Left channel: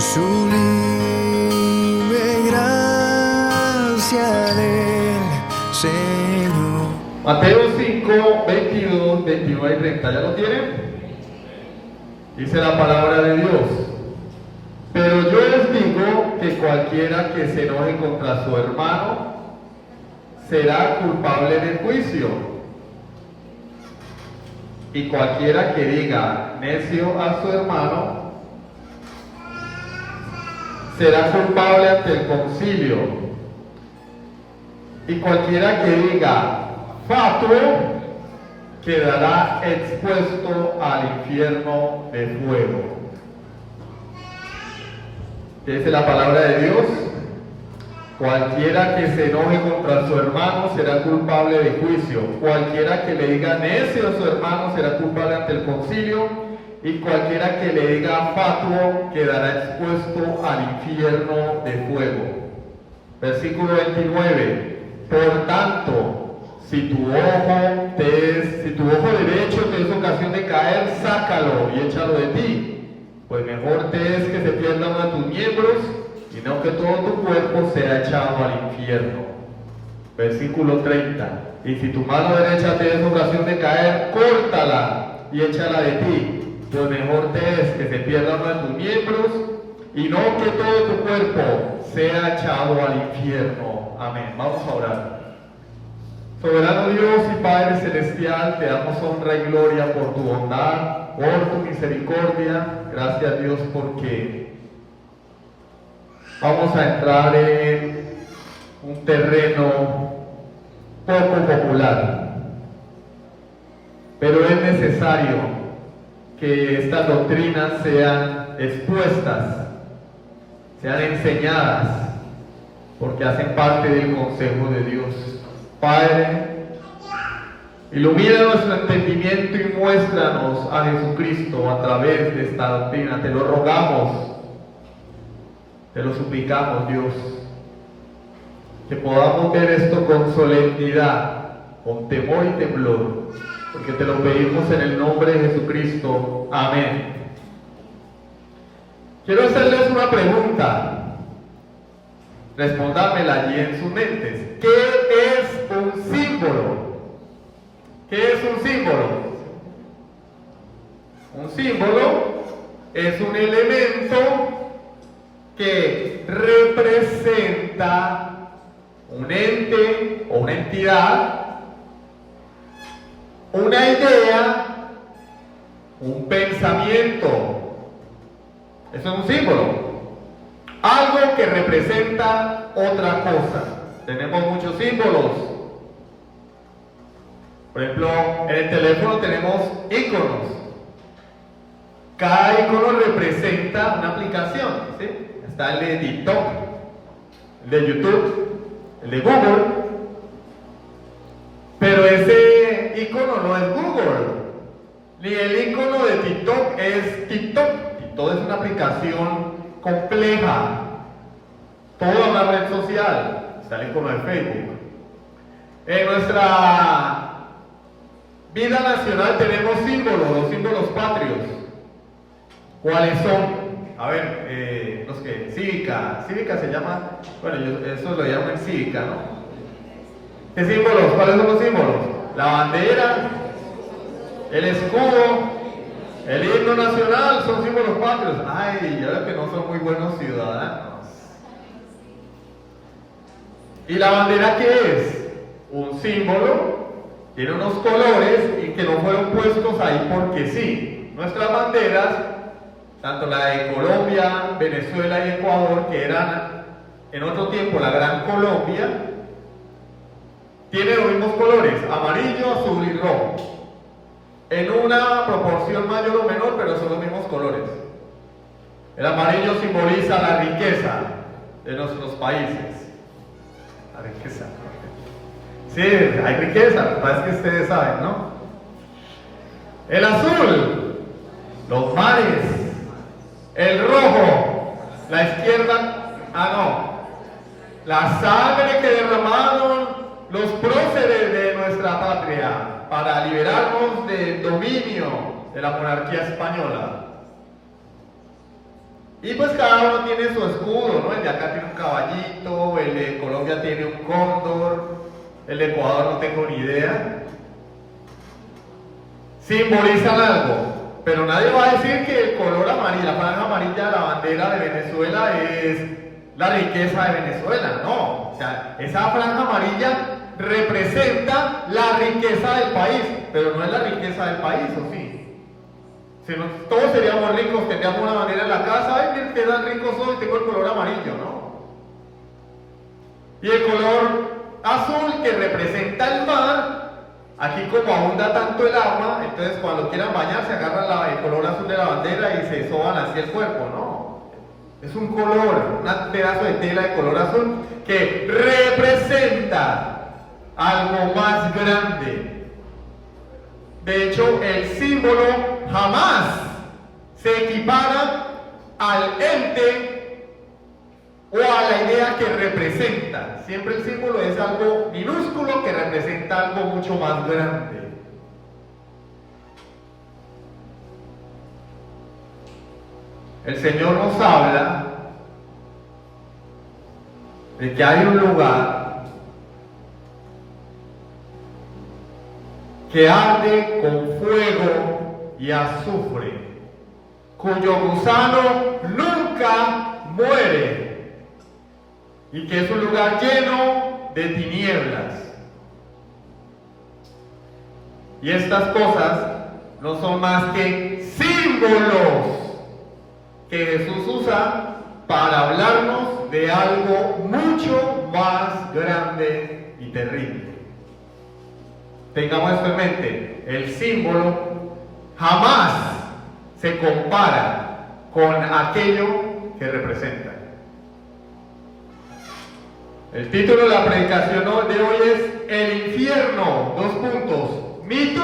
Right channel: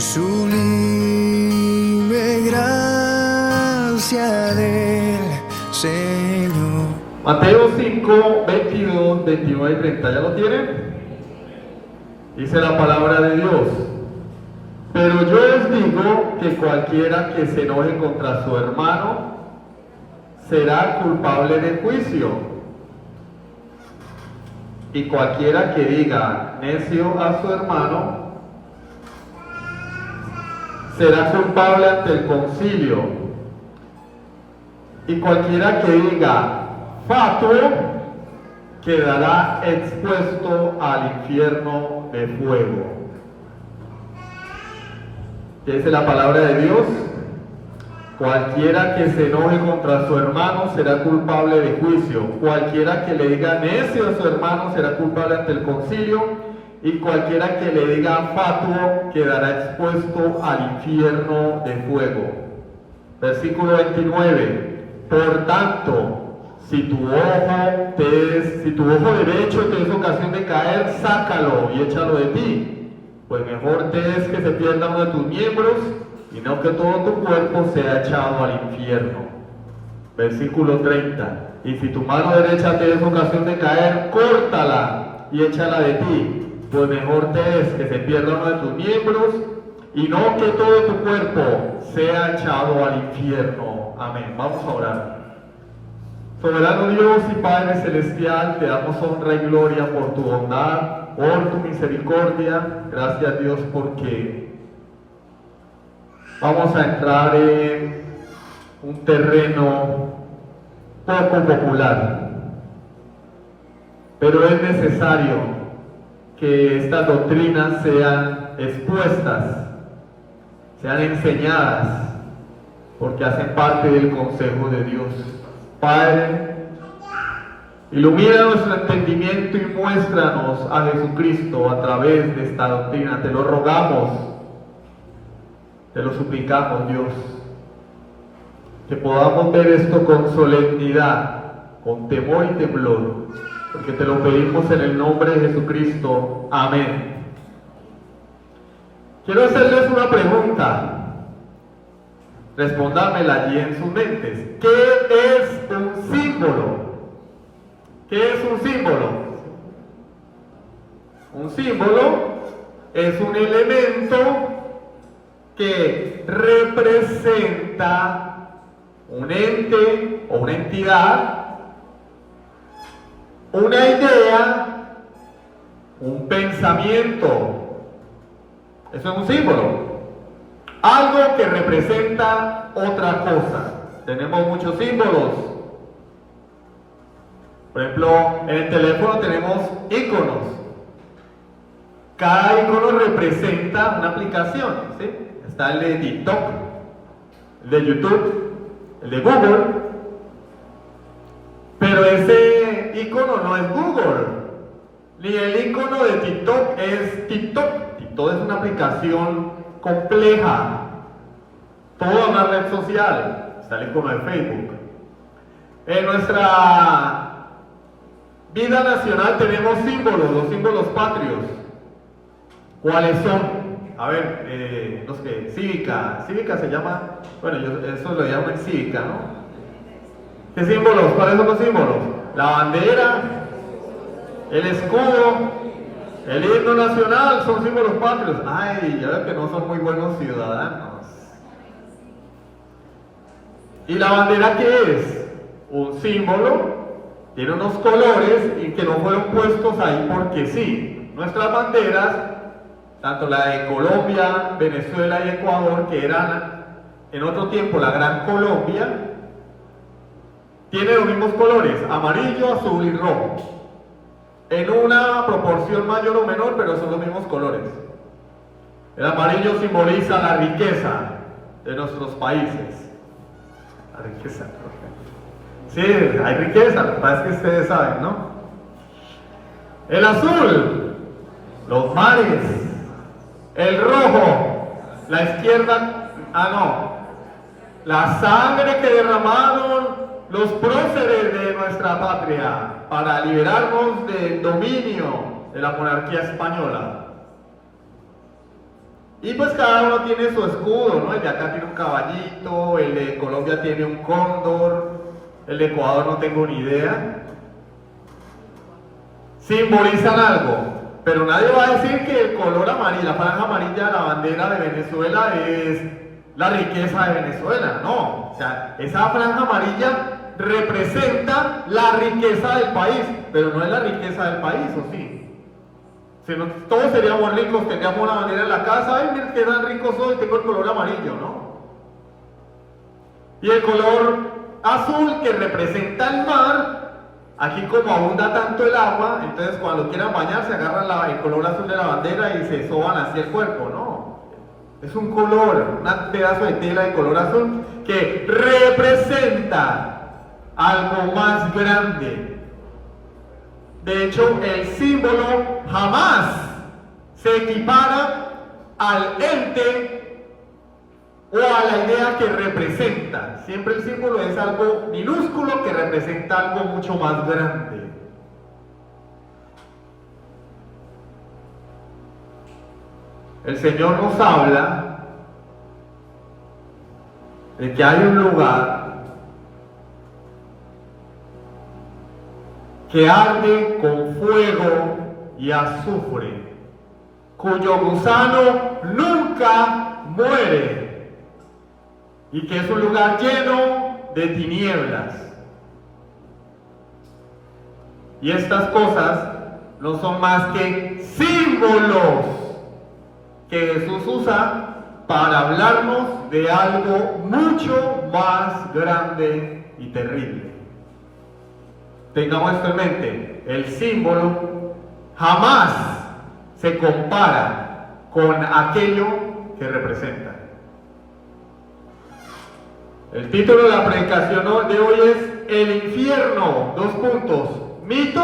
sublime gracia del Señor. Mateo 5, 22, 29 y 30, ¿ya lo tienen? Dice la palabra de Dios: pero yo les digo que cualquiera que se enoje contra su hermano será culpable de juicio, y cualquiera que diga necio a su hermano será culpable ante el concilio, y cualquiera que diga fatuo quedará expuesto al infierno de fuego. Dice la palabra de Dios: cualquiera que se enoje contra su hermano será culpable de juicio, cualquiera que le diga necio a su hermano será culpable ante el concilio, y cualquiera que le diga fatuo quedará expuesto al infierno de fuego. Versículo 29: por tanto, si tu ojo derecho te es ocasión de caer, sácalo y échalo de ti, pues mejor te es que se pierda uno de tus miembros y no que todo tu cuerpo sea echado al infierno. Versículo 30: y si tu mano derecha te es ocasión de caer, córtala y échala de ti, pues mejor te es que se pierda uno de tus miembros y no que todo tu cuerpo sea echado al infierno. Amén. Vamos a orar. Soberano Dios y Padre Celestial, te damos honra y gloria por tu bondad, por tu misericordia. Gracias, Dios, porque vamos a entrar en un terreno poco popular, pero es necesario que estas doctrinas sean expuestas, sean enseñadas, porque hacen parte del consejo de Dios. Padre, ilumina nuestro entendimiento y muéstranos a Jesucristo a través de esta doctrina. Te lo rogamos, te lo suplicamos, Dios, que podamos ver esto con solemnidad, con temor y temblor, porque te lo pedimos en el nombre de Jesucristo. Amén. Quiero hacerles una pregunta. Respóndanmela allí en sus mentes. ¿Qué es un símbolo? ¿Qué es un símbolo? Un símbolo es un elemento que representa un ente o una entidad, una idea, un pensamiento. Eso es un símbolo. Algo que representa otra cosa. Tenemos muchos símbolos. Por ejemplo, en el teléfono tenemos iconos. Cada icono representa una aplicación, ¿sí? Está el de TikTok, el de YouTube, el de Google. Pero ese icono no es Google, ni el icono de TikTok es TikTok. TikTok es una aplicación compleja, toda una red social. Está el icono de Facebook. En nuestra vida nacional tenemos símbolos, los símbolos patrios. ¿Cuáles son? A ver, los que cívica se llama, bueno, eso lo llaman cívica, ¿no? ¿Qué símbolos? ¿Cuáles son los símbolos? La bandera, el escudo, el himno nacional, son símbolos patrios. Ay, ya veo que no son muy buenos ciudadanos. ¿Y la bandera qué es? Un símbolo, tiene unos colores y que no fueron puestos ahí porque sí. Nuestras banderas, tanto la de Colombia, Venezuela y Ecuador, que eran en otro tiempo la Gran Colombia, tienen los mismos colores, amarillo, azul y rojo. En una proporción mayor o menor, pero son los mismos colores. El amarillo simboliza la riqueza de nuestros países. La riqueza. Sí, hay riqueza, lo que pasa es que ustedes saben, ¿no? El azul, los mares. El rojo, la izquierda, la sangre que derramaron los próceres de nuestra patria para liberarnos del dominio de la monarquía española. Y pues cada uno tiene su escudo, ¿no? El de acá tiene un caballito, el de Colombia tiene un cóndor, el de Ecuador no tengo ni idea. Simbolizan algo, pero nadie va a decir que el color amarillo, la franja amarilla de la bandera de Venezuela es la riqueza de Venezuela, no. O sea, esa franja amarilla representa la riqueza del país, pero no es la riqueza del país, ¿o sí? Si no, todos seríamos ricos, tendríamos una bandera en la casa, ay, miren qué tan rico soy, tengo el color amarillo, ¿no? Y el color azul que representa el mar. Aquí como abunda tanto el agua, entonces cuando quieran bañarse agarran el color azul de la bandera y se soban así el cuerpo, ¿no? Es un color, un pedazo de tela de color azul que representa algo más grande. De hecho, el símbolo jamás se equipara al ente o a la idea que representa. Siempre el símbolo es algo minúsculo que representa algo mucho más grande. El Señor nos habla de que hay un lugar que arde con fuego y azufre, cuyo gusano nunca muere, y que es un lugar lleno de tinieblas. Y estas cosas no son más que símbolos que Jesús usa para hablarnos de algo mucho más grande y terrible. Tengamos esto en mente, el símbolo jamás se compara con aquello que representa. El título de la predicación de hoy es El infierno, mito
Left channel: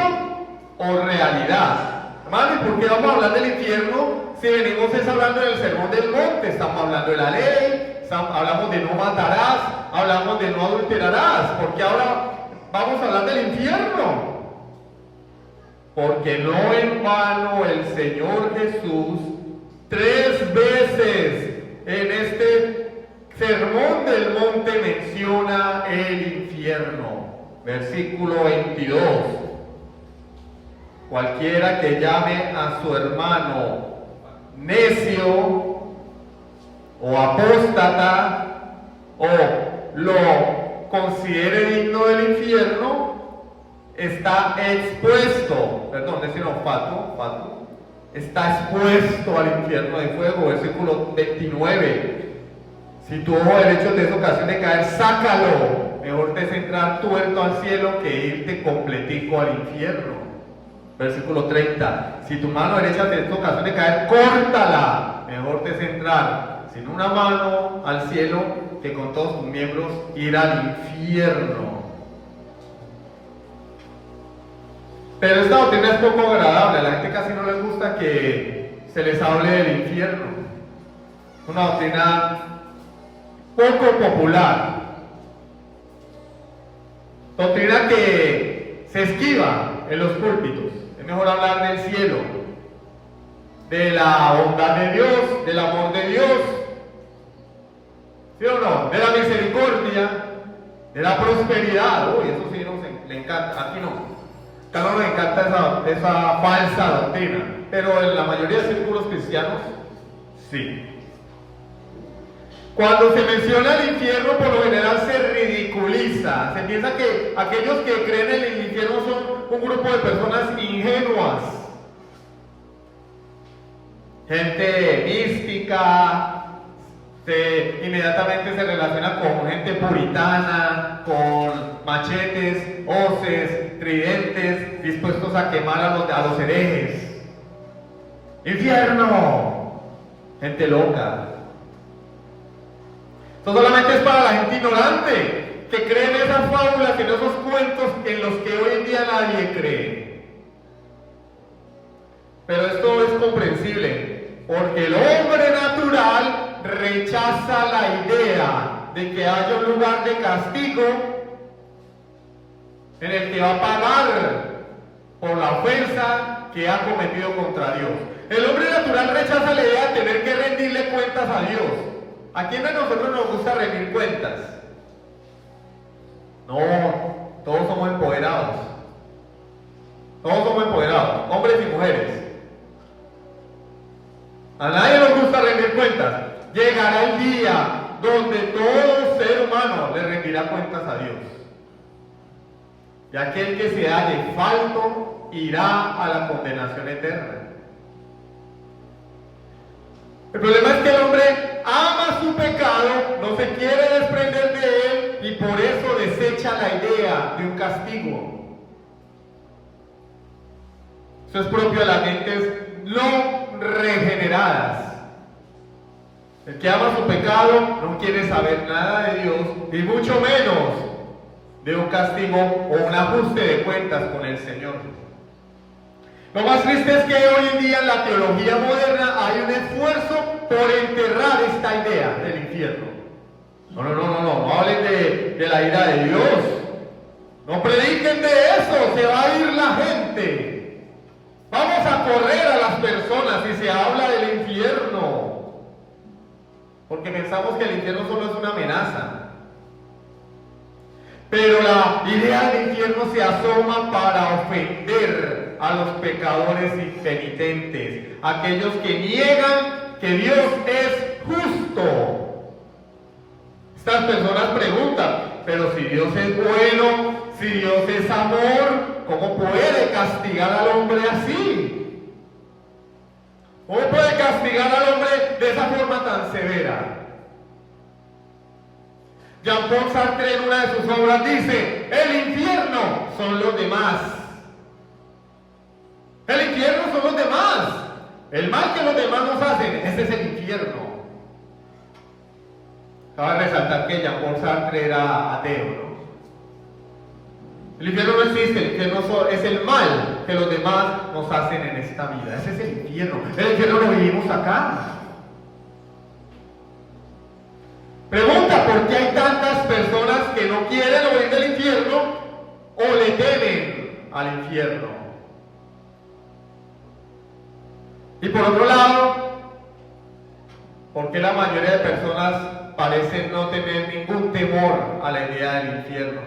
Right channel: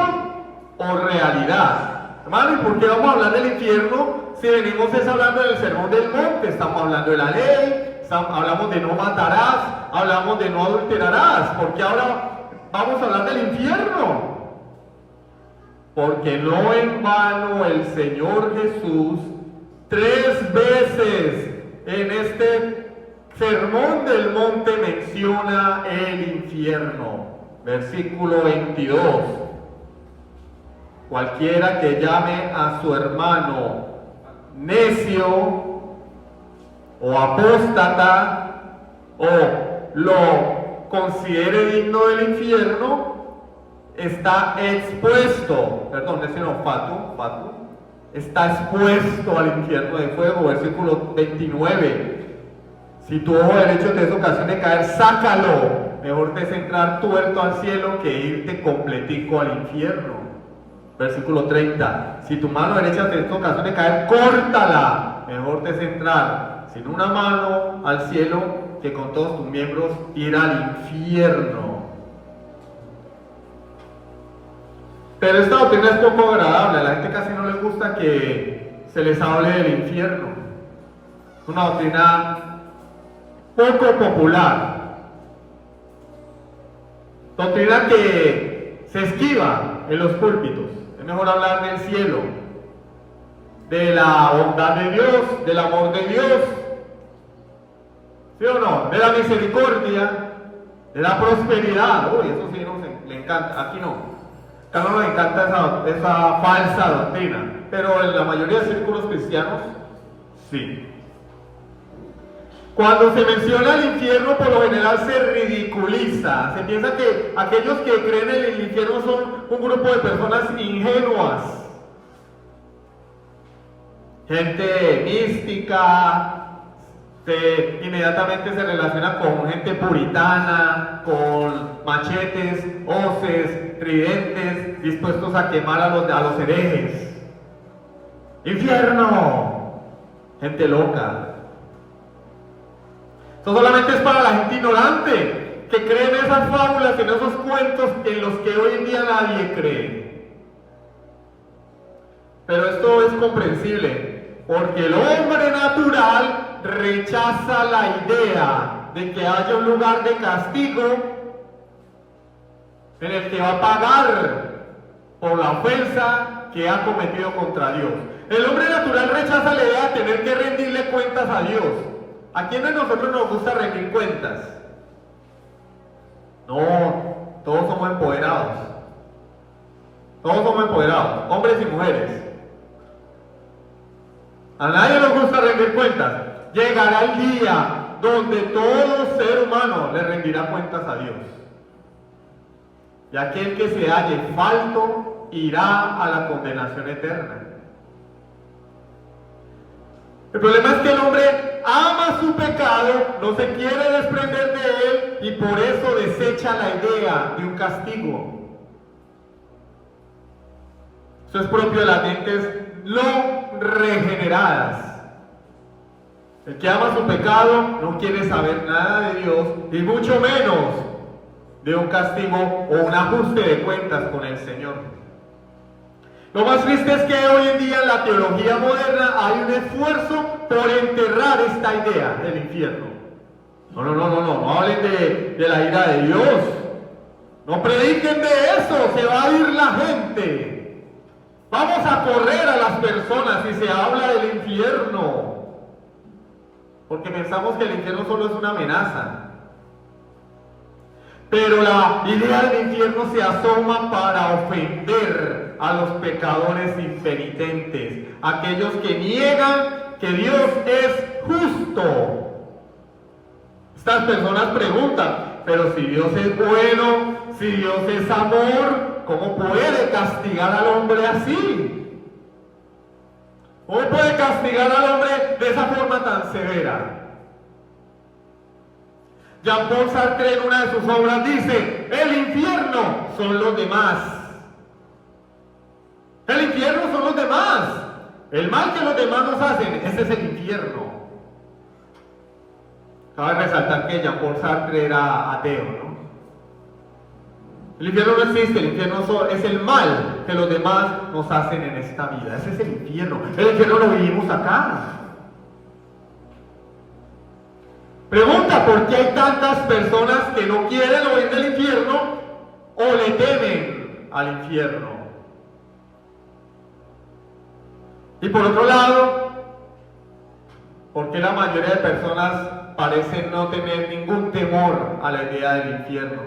o realidad. Hermano, ¿y por qué vamos a hablar del infierno si venimos hablando del sermón del monte? Estamos hablando de la ley, hablamos de no matarás, hablamos de no adulterarás. ¿Por qué ahora vamos a hablar del infierno? Porque no en vano el Señor Jesús 3 veces en este Sermón del Monte menciona el infierno. Versículo 22. Cualquiera que llame a su hermano necio o apóstata o lo considere digno del infierno, está expuesto, necio no, fatuo, está expuesto al infierno de fuego. Versículo 29. Si tu ojo derecho te es ocasión de caer, sácalo. Mejor te es entrar tuerto al cielo que irte completico al infierno. Versículo 30. Si tu mano derecha te es ocasión de caer, córtala. Mejor te es entrar sin una mano al cielo que con todos tus miembros ir al infierno. Pero esta doctrina es poco agradable. A la gente casi no le gusta que se les hable del infierno. Una doctrina poco popular, doctrina que se esquiva en los púlpitos. Es mejor hablar del cielo, de la bondad de Dios, del amor de Dios, ¿sí o no? De la misericordia, de la prosperidad. Uy, eso sí le encanta, aquí no. Acá no nos encanta esa falsa doctrina, pero en la mayoría de círculos cristianos, sí. Cuando se menciona el infierno, por lo general se ridiculiza. Se piensa que aquellos que creen en el infierno son un grupo de personas ingenuas. Gente mística, inmediatamente se relaciona con gente puritana, con machetes, hoces, tridentes, dispuestos a quemar a los herejes. ¡Infierno! Gente loca. Esto solamente es para la gente ignorante, que cree en esas fábulas, en esos cuentos en los que hoy en día nadie cree. Pero esto es comprensible, porque el hombre natural rechaza la idea de que haya un lugar de castigo en el que va a pagar por la ofensa que ha cometido contra Dios. El hombre natural rechaza la idea de tener que rendirle cuentas cuentas a Dios. ¿A quién de nosotros nos gusta rendir cuentas? No, todos somos empoderados. Todos somos empoderados, hombres y mujeres. A nadie nos gusta rendir cuentas. Llegará el día donde todo ser humano le rendirá cuentas a Dios. Y aquel que se halle falto irá a la condenación eterna. El problema es que el hombre ama su pecado, no se quiere desprender de él y por eso desecha la idea de un castigo. Eso es propio de las mentes no regeneradas. El que ama su pecado no quiere saber nada de Dios y mucho menos de un castigo o un ajuste de cuentas con el Señor. Lo más triste es que hoy en día en la teología moderna hay un esfuerzo por enterrar esta idea del infierno. No hablen de la ira de Dios. No prediquen de eso, se va a ir la gente. Vamos a correr a las personas si se habla del infierno. Porque pensamos que el infierno solo es una amenaza. Pero la idea del infierno se asoma para ofender a los pecadores impenitentes, aquellos que niegan que Dios es justo. Estas personas preguntan, pero si Dios es bueno, si Dios es amor, ¿cómo puede castigar al hombre así? ¿Cómo puede castigar al hombre de esa forma tan severa? Jean-Paul Sartre en una de sus obras dice, el infierno son los demás. El infierno son los demás. El mal que los demás nos hacen, ese es el infierno. Cabe resaltar que Jean-Paul Sartre era ateo, ¿no? El infierno no existe, el infierno es el mal que los demás nos hacen en esta vida. Ese es el infierno. El infierno lo vivimos acá. Pregunta, ¿por qué hay tantas personas que no quieren oír del infierno o le temen al infierno? Y por otro lado, ¿por qué la mayoría de personas parecen no tener ningún temor a la idea del infierno?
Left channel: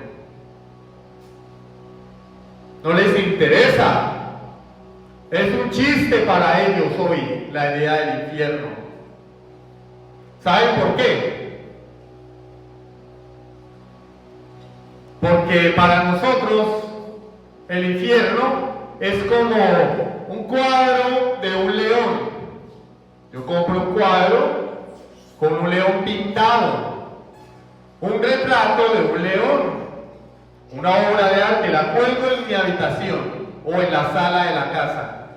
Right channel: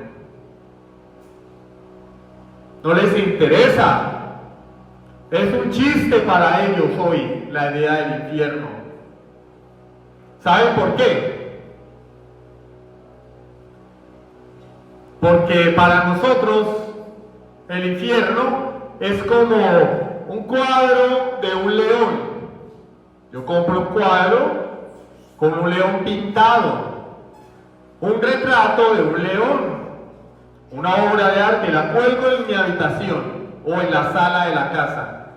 No les interesa. Es un chiste para ellos hoy la idea del infierno. ¿Saben por qué? Porque para nosotros el infierno es como un cuadro de un león. Yo compro un cuadro con un león pintado, un retrato de un león, una obra de arte, la cuelgo en mi habitación o en la sala de la casa.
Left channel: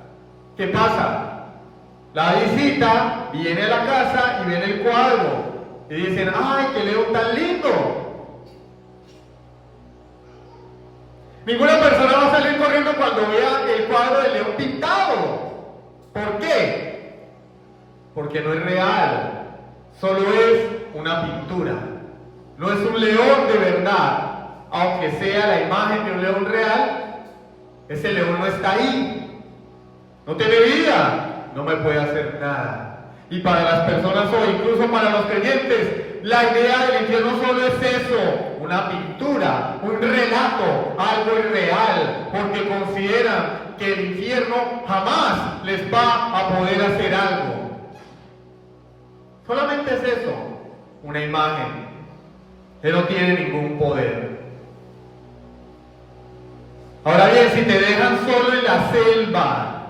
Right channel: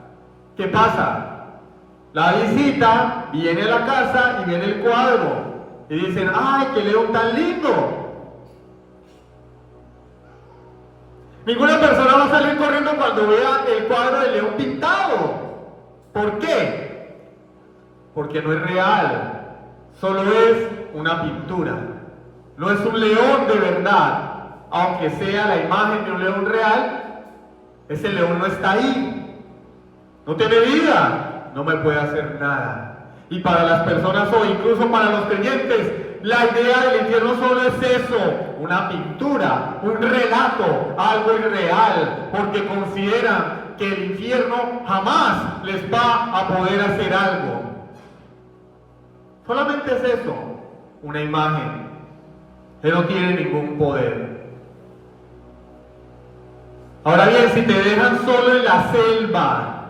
¿Qué pasa? La visita viene a la casa y viene el cuadro y dicen, ¡ay, qué león tan lindo! Ninguna persona va a salir corriendo cuando vea el cuadro del león pintado. ¿Por qué? Porque no es real. Solo es una pintura. No es un león de verdad. Aunque sea la imagen de un león real, ese león no está ahí. No tiene vida. No me puede hacer nada. Y para las personas hoy, incluso para los creyentes, la idea del infierno solo es eso, una pintura, un relato, algo irreal, porque consideran que el infierno jamás les va a poder hacer algo. Solamente es eso, una imagen que no tiene ningún poder. Ahora bien, si te dejan solo en la selva,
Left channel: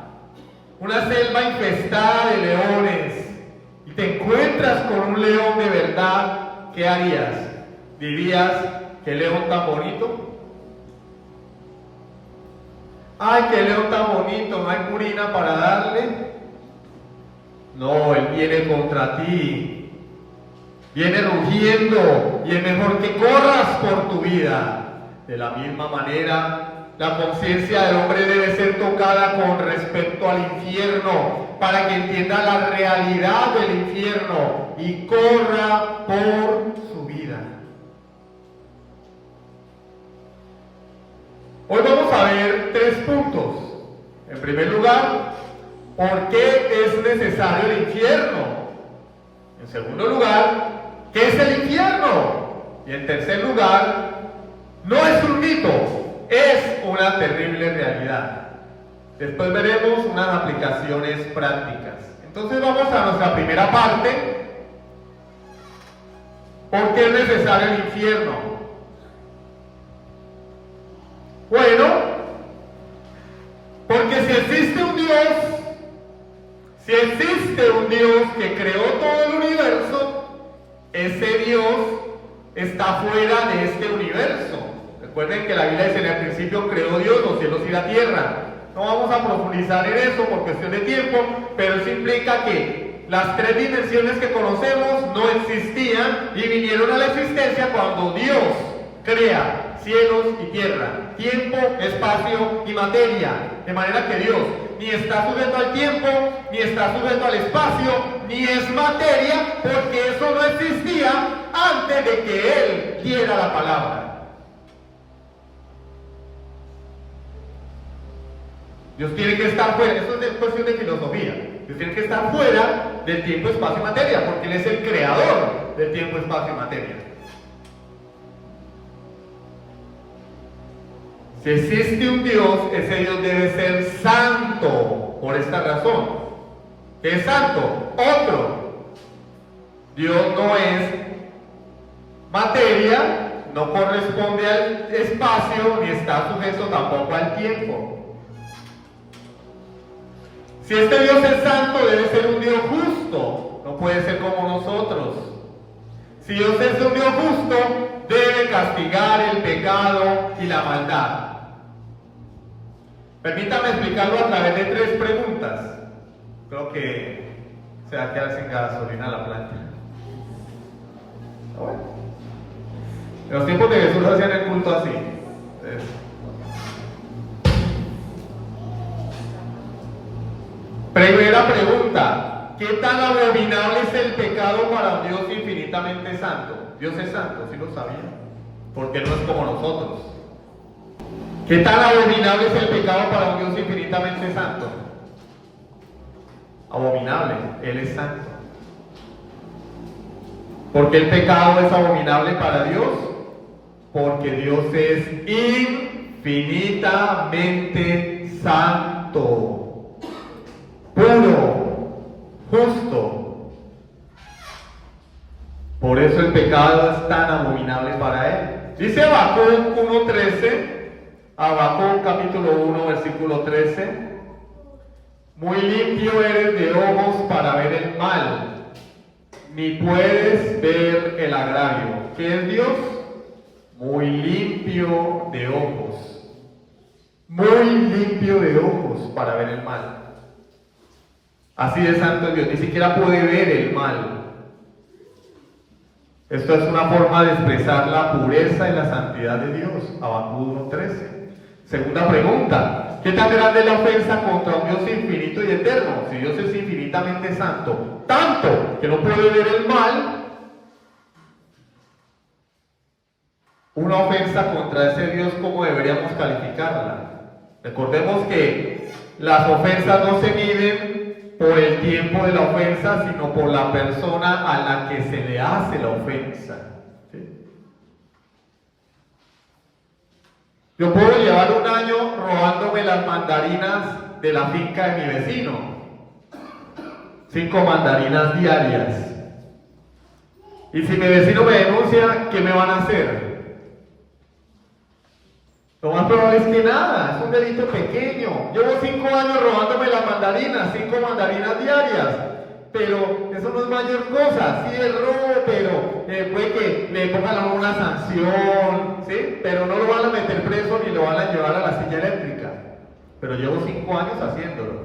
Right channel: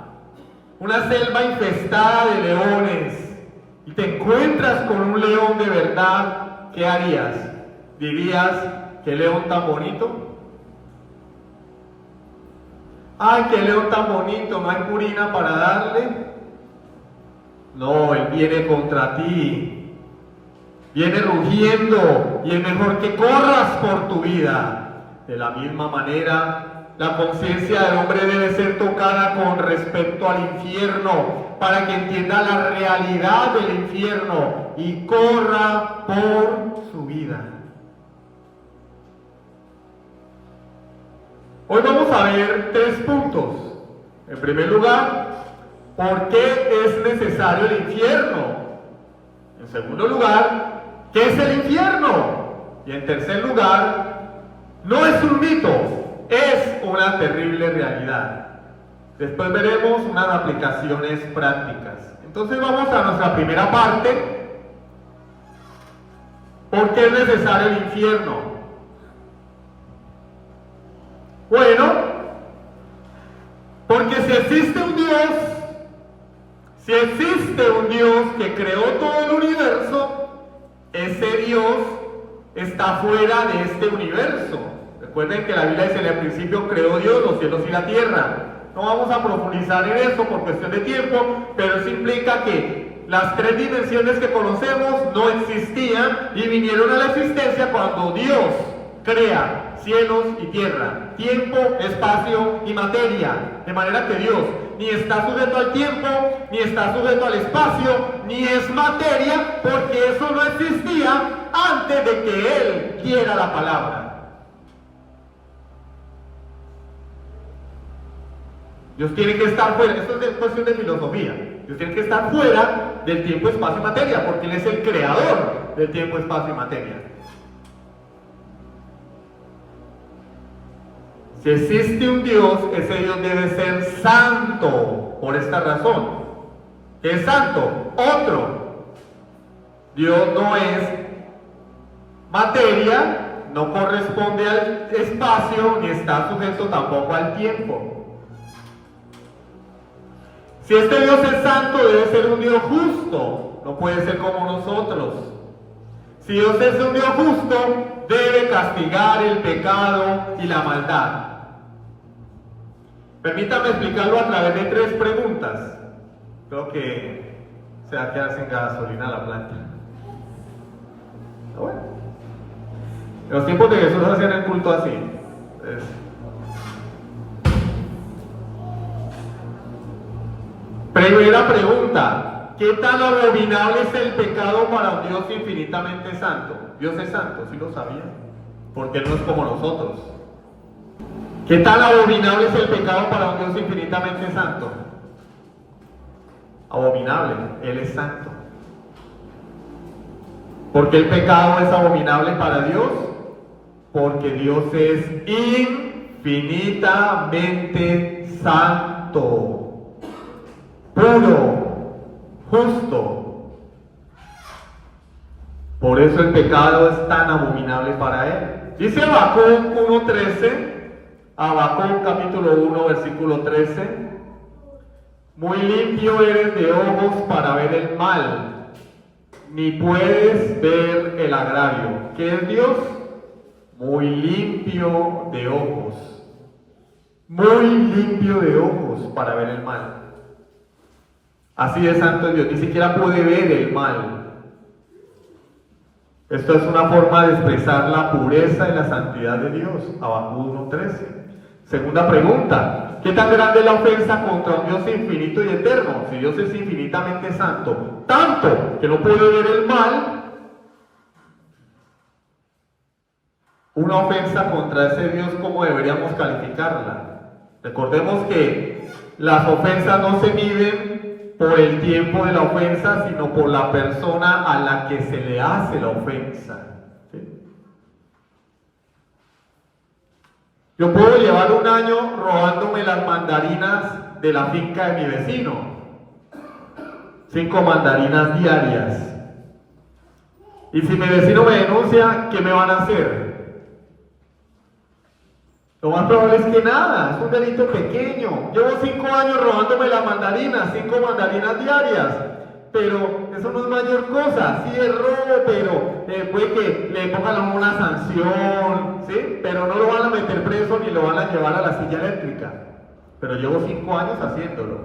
una selva infestada de leones, y te encuentras con un león de verdad, ¿qué harías? ¿Dirías, qué león tan bonito? ¡Ay, qué león tan bonito! ¿No hay purina para darle? No, él viene contra ti. Viene rugiendo y es mejor que corras por tu vida. De la misma manera, la conciencia del hombre debe ser tocada con respecto al infierno, para que entienda la realidad del infierno y corra por su vida. Hoy vamos a ver 3 puntos. En primer lugar, ¿por qué es necesario el infierno? En En segundo lugar, ¿qué es el infierno? Y en tercer lugar, no es un mito, es una terrible realidad. Después veremos unas aplicaciones prácticas. Entonces vamos a nuestra primera parte. ¿Por qué es necesario el infierno? Bueno, porque si existe un Dios que creó todo el universo, ese Dios está fuera de este universo. Recuerden que la Biblia dice: en el principio creó Dios los cielos y la tierra. No vamos a profundizar en eso por cuestión de tiempo, pero eso implica que las tres dimensiones que conocemos no existían y vinieron a la existencia cuando Dios crea cielos y tierra, tiempo, espacio y materia. De manera que Dios ni está sujeto al tiempo, ni está sujeto al espacio, ni es materia, porque eso no existía antes de que Él diera la palabra. Dios tiene que estar fuera, esto es cuestión de filosofía. Dios tiene que estar fuera del tiempo, espacio y materia, porque Él es el creador del tiempo, espacio y materia. Si existe un Dios, ese Dios debe ser santo, por esta razón. ¿Qué es santo? Otro. Dios no es materia, no corresponde al espacio, ni está sujeto tampoco al tiempo. Si este Dios es santo, debe ser un Dios justo, no puede ser como nosotros. Si Dios es un Dios justo, debe castigar el pecado y la maldad. Permítame explicarlo a través de tres preguntas. Creo que se va a quedar sin gasolina la planta. Bueno. En los tiempos de Jesús hacían el culto así. Primera pregunta: ¿qué tan abominable es el pecado para un Dios infinitamente santo? Dios es santo, ¿sí lo sabía? Porque no es como nosotros. ¿Qué tan abominable es el pecado para un Dios infinitamente santo? Abominable, Él es santo. ¿Por qué el pecado es abominable para Dios? Porque Dios es infinitamente santo, puro, justo. Por eso el pecado es tan abominable para Él. Dice Habacuc 1:13, Habacuc capítulo 1 versículo 13: muy limpio eres de ojos para ver el mal, ni puedes ver el agravio. ¿Qué es Dios? Muy limpio de ojos. Muy limpio de ojos para ver el mal. Así de santo es Dios, ni siquiera puede ver el mal. Esto es una forma de expresar la pureza y la santidad de Dios. Habacuc 1:13. Segunda pregunta: ¿qué tan grande es la ofensa contra un Dios infinito y eterno? Si Dios es infinitamente santo, tanto que no puede ver el mal, una ofensa contra ese Dios, ¿cómo deberíamos calificarla? Recordemos que las ofensas no se miden por el tiempo de la ofensa, sino por la persona a la que se le hace la ofensa. ¿Sí? Yo puedo llevar un año robándome las mandarinas de la finca de mi vecino. 5 mandarinas diarias. Y si mi vecino me denuncia, ¿qué me van a hacer? Lo más probable es que nada, es un delito pequeño. Llevo 5 años robándome las mandarinas, 5 mandarinas diarias. Pero eso no es mayor cosa, sí es robo, pero puede que le pongan una sanción, ¿sí? Pero no lo van a meter preso ni lo van a llevar a la silla eléctrica. Pero llevo 5 años haciéndolo.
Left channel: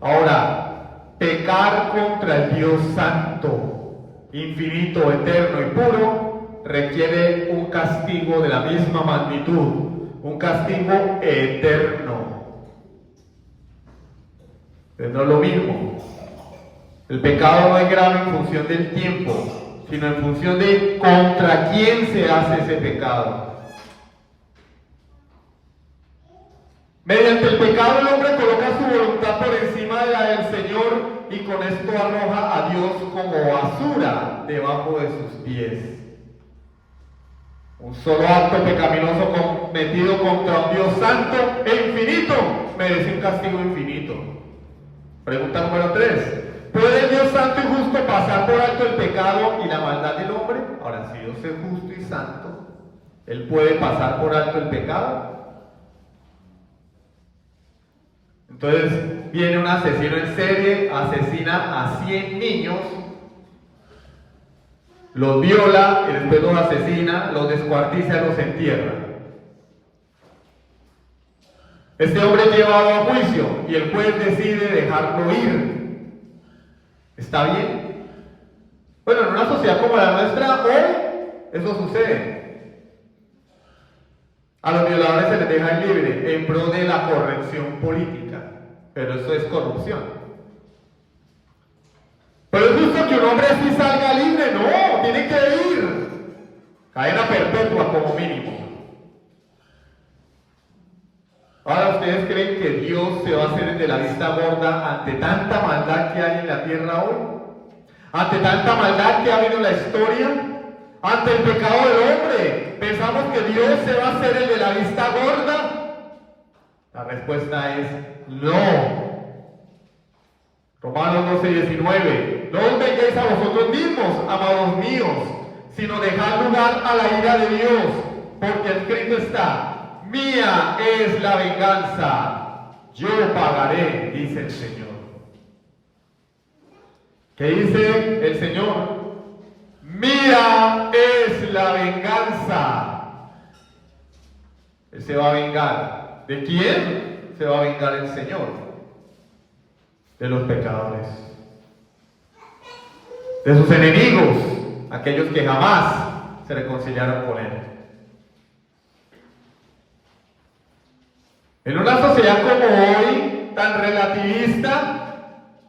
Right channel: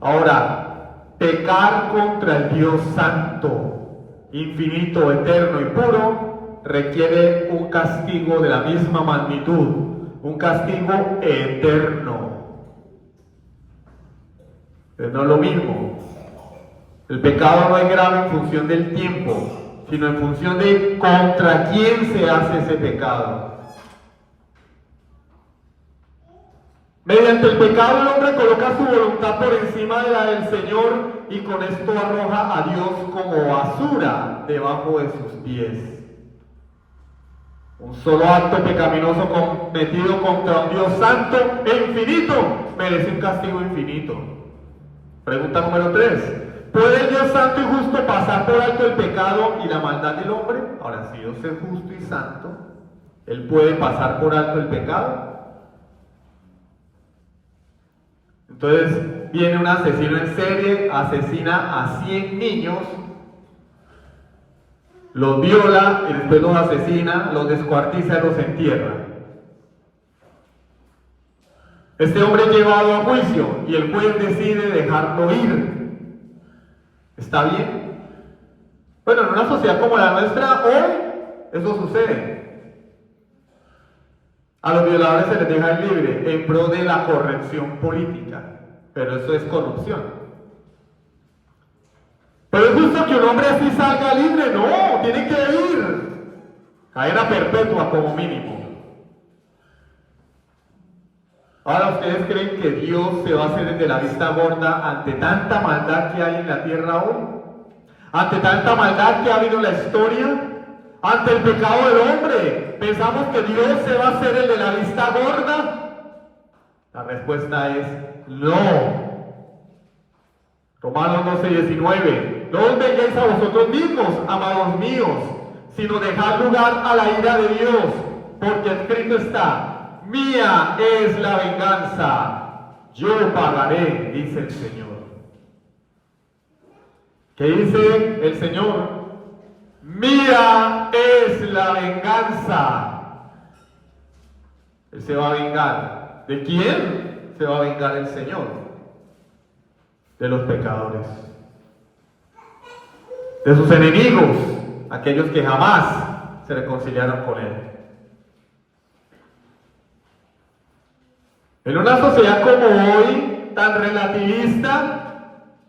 Ahora, pecar contra el Dios santo, infinito, eterno y puro, requiere un castigo de la misma magnitud, un castigo eterno. Pero no es lo mismo. El pecado no es grave en función del tiempo, sino en función de contra quién se hace ese pecado. Mediante el pecado el hombre coloca su voluntad por encima de la del Señor y con esto arroja a Dios como basura debajo de sus pies. Un solo acto pecaminoso cometido contra un Dios santo e infinito merece un castigo infinito. Pregunta número 3. ¿Puede el Dios santo y justo pasar por alto el pecado y la maldad del hombre? Ahora, si Dios es justo y santo, ¿Él puede pasar por alto el pecado? Entonces viene un asesino en serie, asesina a 100 niños, los viola y después los asesina, los descuartiza y los entierra. Este hombre es llevado a juicio y el juez decide dejarlo ir. ¿Está bien? Bueno, en una sociedad como la nuestra, hoy eso sucede. A los violadores se les deja libre en pro de la corrección política, pero eso es corrupción. Pero es justo que un hombre así salga libre, no, tiene que ir. Cadena perpetua como mínimo. Ahora, ¿ustedes creen que Dios se va a hacer de la vista gorda ante tanta maldad que hay en la tierra hoy? ¿Ante tanta maldad que ha habido en la historia? ¿Ante el pecado del hombre? ¿Pensamos que Dios se va a hacer el de la vista gorda? La respuesta es no. Romanos 12:19. No os vengáis a vosotros mismos, amados míos, sino dejad lugar a la ira de Dios, porque escrito está: mía es la venganza, yo pagaré, dice el Señor. ¿Qué dice el Señor? Mía es la venganza. Él se va a vengar. ¿De quién se va a vengar el Señor? De los pecadores, de sus enemigos, aquellos que jamás se reconciliaron con Él. En una sociedad como hoy, tan relativista,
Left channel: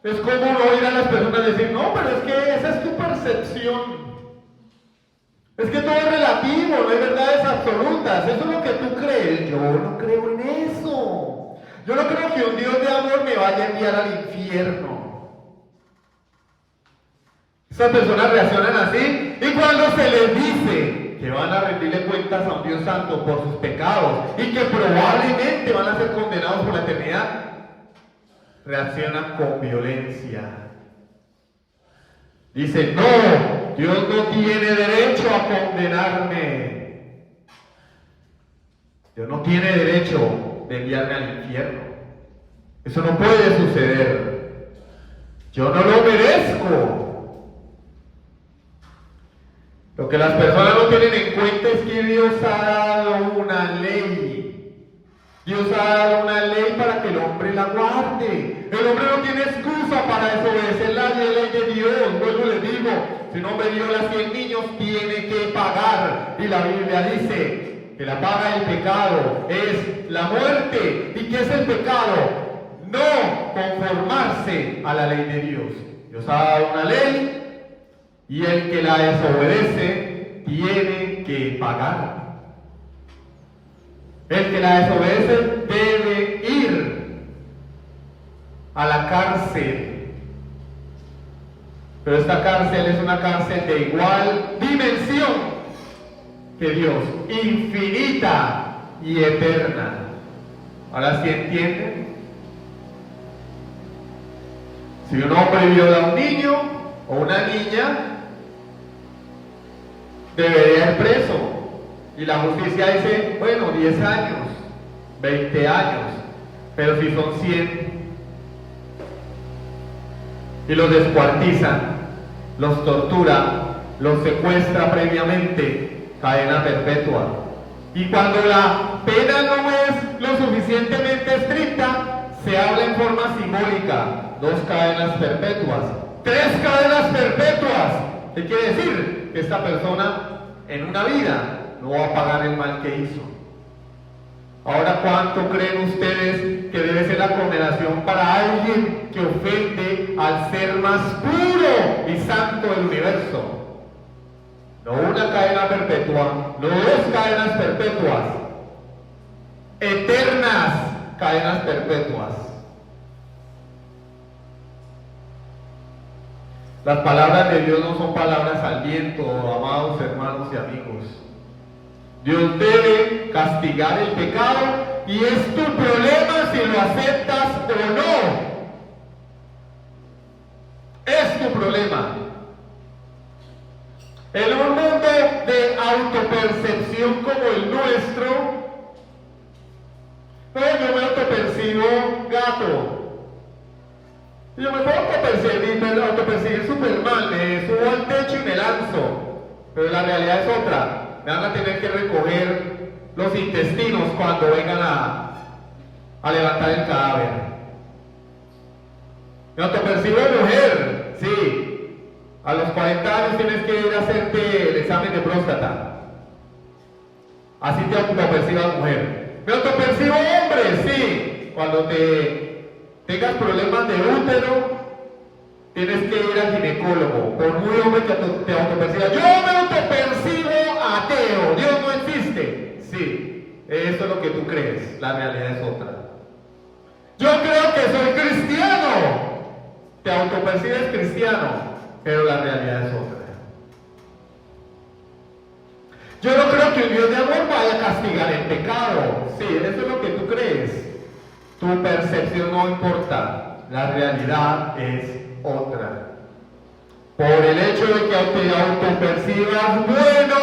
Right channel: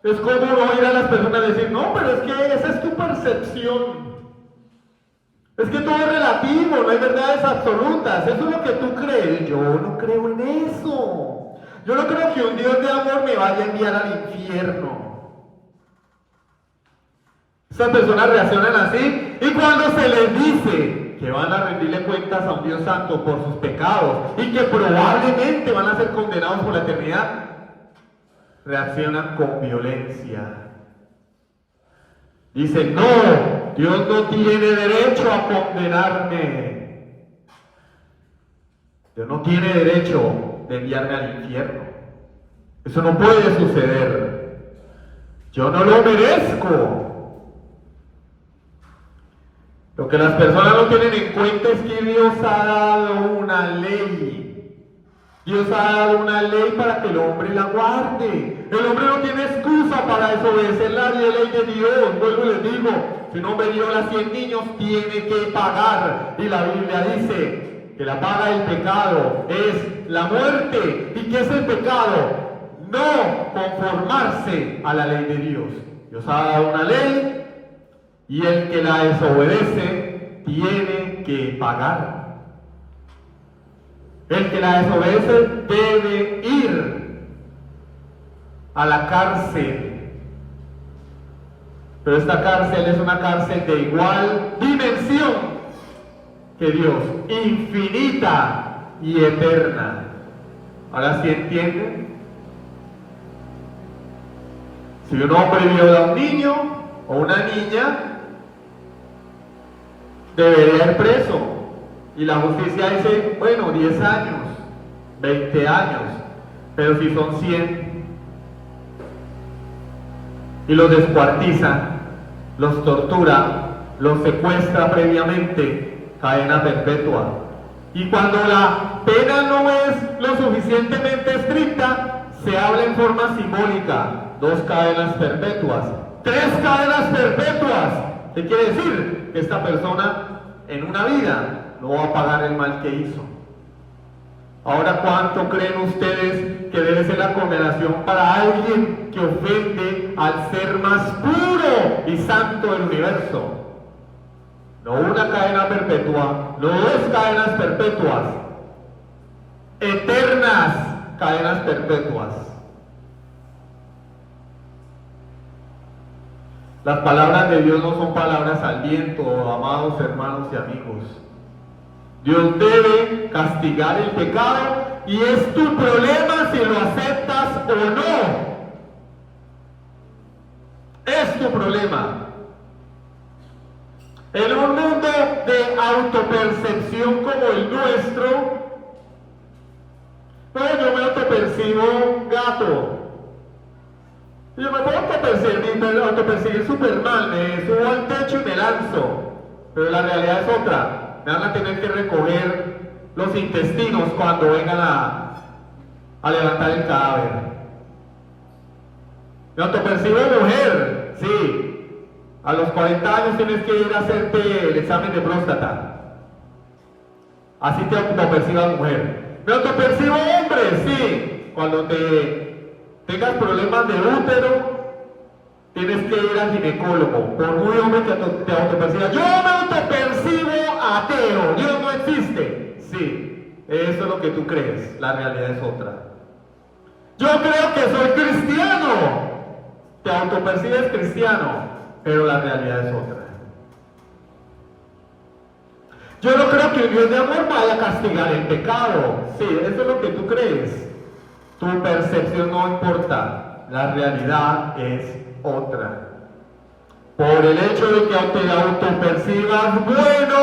es como no oír a las personas decir: no, pero es que esa es tu percepción. Es que todo es relativo, no hay verdades absolutas. Eso es lo que tú crees. Yo no creo en eso. Yo no creo que un Dios de amor me vaya a enviar al infierno. Esas personas reaccionan así, y cuando se les dice que van a rendirle cuentas a un Dios santo por sus pecados y que probablemente van a ser condenados por la eternidad, reaccionan con violencia. Dicen: no, Dios no tiene derecho a condenarme. Dios no tiene derecho de enviarme al infierno. Eso no puede suceder. Yo no lo merezco. Lo que las personas no tienen en cuenta es que Dios ha dado una ley. Dios ha dado una ley para que el hombre la guarde. El hombre no tiene excusa para desobedecer la ley de Dios. Vuelvo y les digo, si un hombre viola a 100 niños, tiene que pagar. Y la Biblia dice que la paga del pecado es la muerte. ¿Y qué es el pecado? No conformarse a la ley de Dios. Dios ha dado una ley y el que la desobedece tiene que pagar. El que la desobedece debe ir a la cárcel. Pero esta cárcel es una cárcel de igual dimensión que Dios, infinita y eterna. Ahora sí entienden. Si un hombre viola a un niño o una niña, debería ir preso. Y la justicia dice: bueno, 10 años, 20 años, pero si son 100, y los descuartiza, los tortura, los secuestra previamente, cadena perpetua. Y cuando la pena no es lo suficientemente estricta, se habla en forma simbólica: 2 cadenas perpetuas, 3 cadenas perpetuas. ¿Qué quiere decir? Que esta persona en una vida no va a pagar el mal que hizo. Ahora, ¿cuánto creen ustedes que debe ser la condenación para alguien que ofende al ser más puro y santo del universo? No una cadena perpetua, no 2 cadenas perpetuas, eternas cadenas perpetuas. Las palabras de Dios no son palabras al viento, amados hermanos y amigos. Dios debe castigar el pecado y es tu problema si lo aceptas o no. Es tu problema. En un mundo de autopercepción como el nuestro, pues yo me autopercibo gato. Yo me puedo autopercibir súper mal, me subo al techo y me lanzo. Pero la realidad es otra. Me van a tener que recoger los intestinos cuando vengan a levantar el cadáver. Me autopercibo mujer, sí. A los 40 años tienes que ir a hacerte el examen de próstata. Así te autopercibas mujer. Me autopercibo hombre, sí. Cuando tengas problemas de útero, tienes que ir al ginecólogo. Por muy hombre que te autopercibas. Yo me autopercibo ateo. Dios no existe. Sí, eso es lo que tú crees. La realidad es otra. Yo creo que soy cristiano. Te autopercibes cristiano, pero la realidad es otra. Yo no creo que el Dios de amor vaya a castigar el pecado. Sí, eso es lo que tú crees. Tu percepción no importa. La realidad es otra. Por el hecho de que te autopercibas bueno,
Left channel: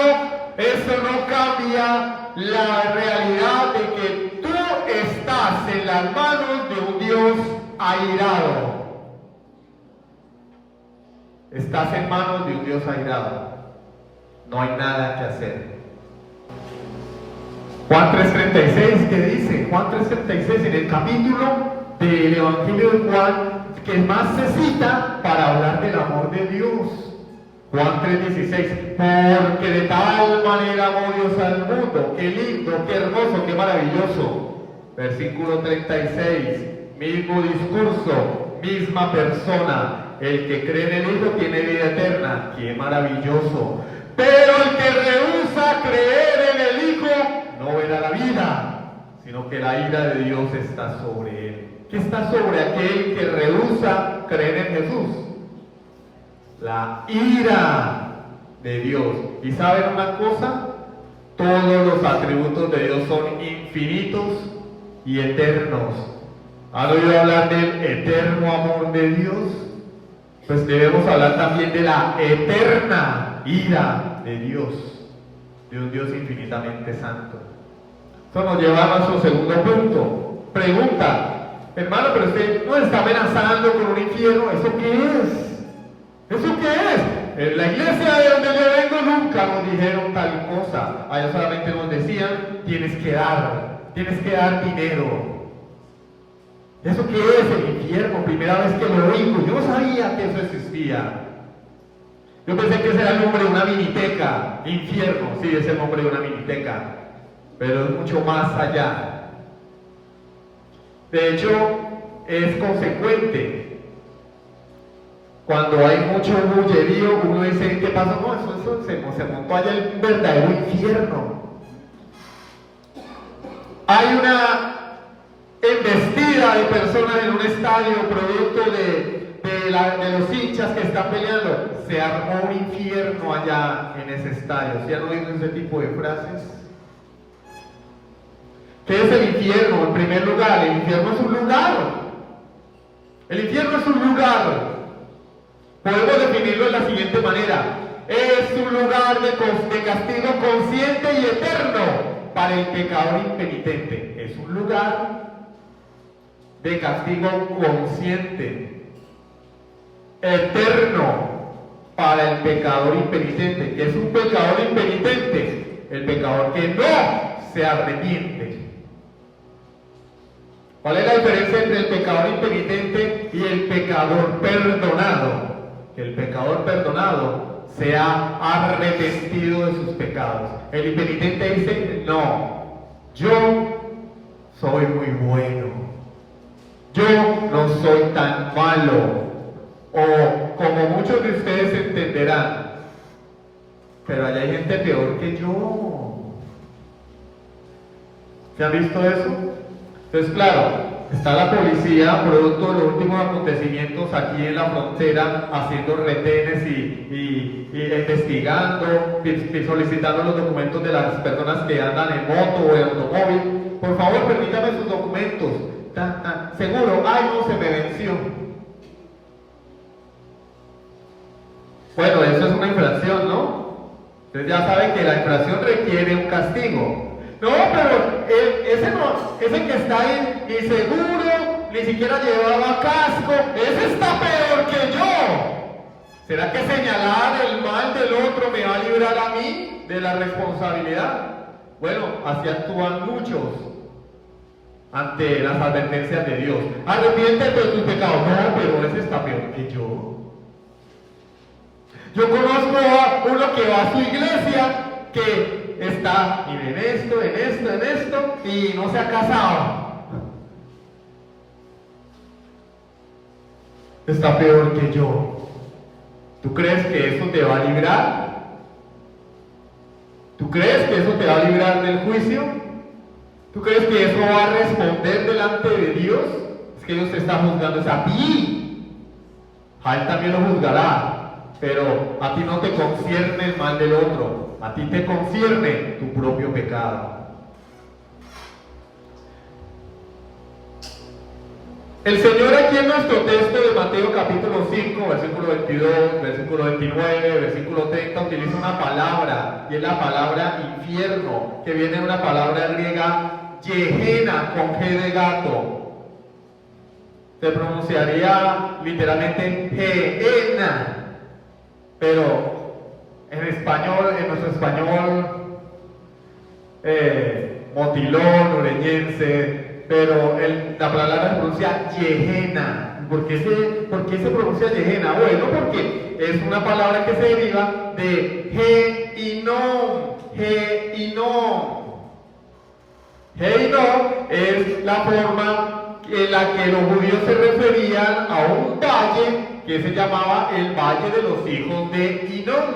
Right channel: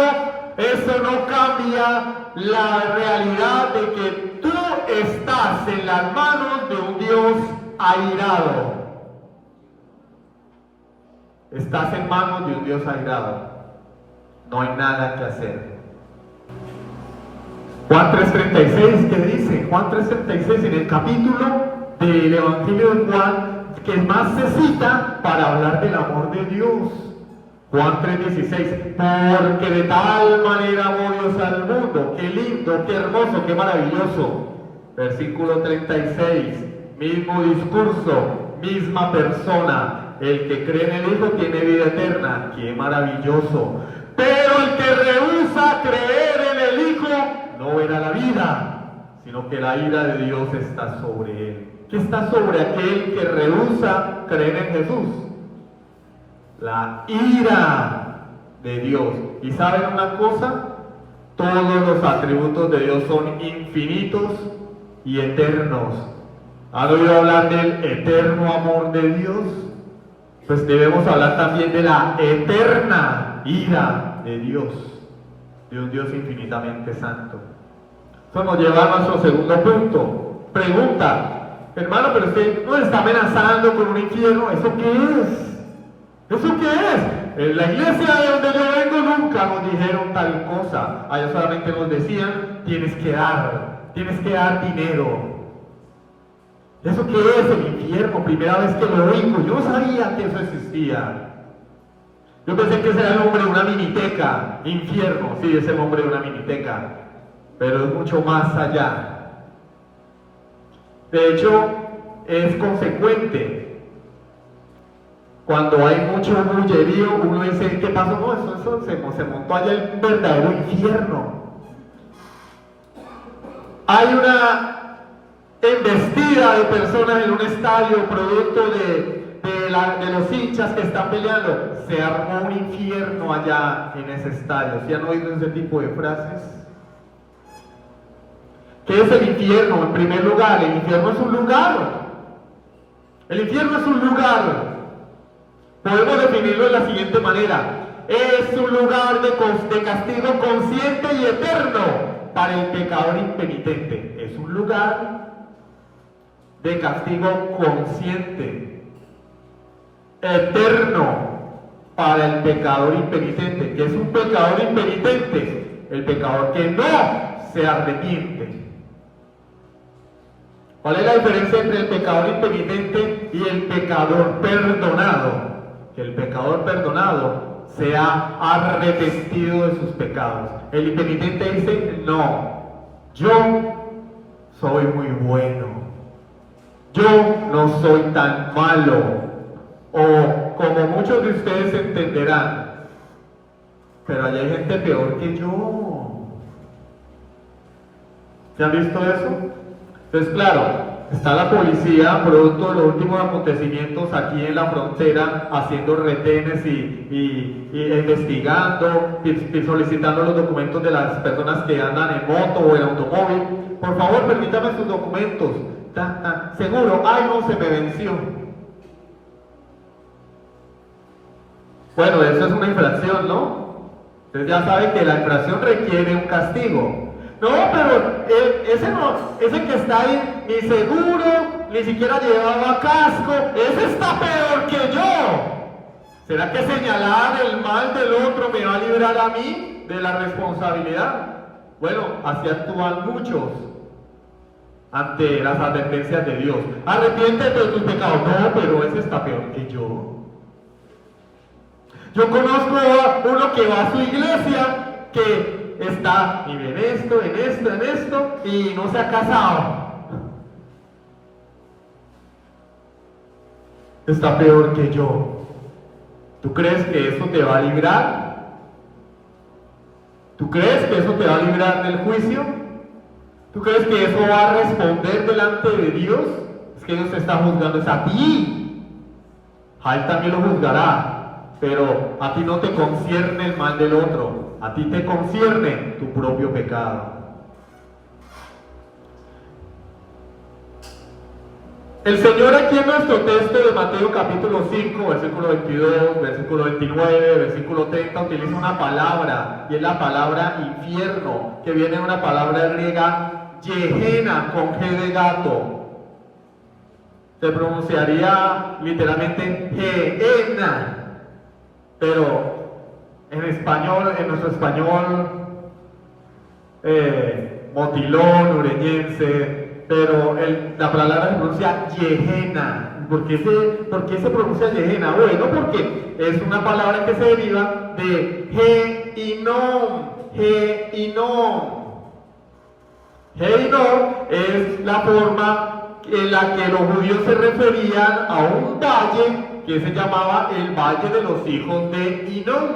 eso no cambia la realidad de que tú estás en las manos de un Dios airado. Estás en manos de un Dios airado. No hay nada que hacer. Juan 3:36, ¿qué dice? Juan 3:36 en el capítulo del Evangelio de Juan, que más se cita para hablar del amor de Dios. Juan 3:16, porque de tal manera amó Dios al mundo. Qué lindo, qué hermoso, qué maravilloso. Versículo 36, mismo discurso, misma persona. El que cree en el Hijo tiene vida eterna. ¡Qué maravilloso! Pero el que rehúsa creer en el Hijo no verá la vida, sino que la ira de Dios está sobre él. ¿Qué está sobre aquel que rehúsa creer en Jesús? La ira de Dios. ¿Y saben una cosa? Todos los atributos de Dios son infinitos y eternos. ¿Han oído hablar del eterno amor de Dios? Pues debemos hablar también de la eterna ira de Dios, de un Dios infinitamente santo. Esto nos lleva a nuestro segundo punto. Pregunta, hermano, pero usted nos está amenazando con un infierno. ¿Eso qué es? ¿Eso qué es? En la iglesia de donde yo vengo nunca nos dijeron tal cosa. Allá solamente nos decían, tienes que dar dinero. ¿Eso qué es el infierno? Primera vez que lo oigo. Yo no sabía que eso existía. Yo pensé que ese era el nombre de una miniteca. Infierno, sí, es el nombre de una miniteca. Pero es mucho más allá. De hecho, es consecuente. Cuando hay mucho bullerío, uno dice, ¿qué pasó? No, eso se montó allá el verdadero infierno. Hay una embestida de personas en un estadio, producto de los hinchas que están peleando. Se armó un infierno allá en ese estadio. ¿Sí han oído ese tipo de frases? ¿Qué es el infierno? En primer lugar, el infierno es un lugar. El infierno es un lugar. Podemos definirlo de la siguiente manera. Es un lugar de castigo consciente y eterno para el pecador impenitente. Es un lugar de castigo consciente, eterno para el pecador impenitente. ¿Qué es un pecador impenitente? El pecador que no se arrepiente. ¿Cuál es la diferencia entre el pecador impenitente y el pecador perdonado? Que el pecador perdonado se ha arrepentido de sus pecados. El impenitente dice, no, yo soy muy bueno, yo no soy tan malo, o como muchos de ustedes entenderán, pero allá hay gente peor que yo. ¿Se han visto eso? Entonces, claro, está la policía, producto de los últimos acontecimientos aquí en la frontera, haciendo retenes y investigando, y solicitando los documentos de las personas que andan en moto o en automóvil. Por favor, permítame sus documentos. Seguro, ay no, se me venció. Bueno, eso es una infracción, ¿no? Entonces ya sabe que la infracción requiere un castigo. No, pero ese que está ahí, ni seguro, ni siquiera llevaba casco, ese está peor que yo. ¿Será que señalar el mal del otro me va a librar a mí de la responsabilidad? Bueno, así actúan muchos ante las advertencias de Dios. Arrepiéntete de tus pecados. No, pero ese está peor que yo. Yo conozco a uno que va a su iglesia, que está en esto, y no se ha casado. Está peor que yo. ¿Tú crees que eso te va a librar? ¿Tú crees que eso te va a librar del juicio? ¿Tú crees que eso va a responder delante de Dios? Es que Dios te está juzgando, es a ti. A Él también lo juzgará. Pero a ti no te concierne el mal del otro, a ti te concierne tu propio pecado. El Señor aquí en nuestro texto de Mateo capítulo 5, versículo 22, versículo 29, versículo 30, utiliza una palabra, y es la palabra infierno, que viene de una palabra griega, Gehenna, con G de gato. Se pronunciaría literalmente Gehenna. Pero en español, en nuestro español motilón, ureñense, pero la palabra se pronuncia Gehenna. ¿Por qué se pronuncia Gehenna? Bueno, porque es una palabra que se deriva de Gehinom. Gehinom es la forma en la que los judíos se referían a un valle que se llamaba el Valle de los Hijos de Hinnom.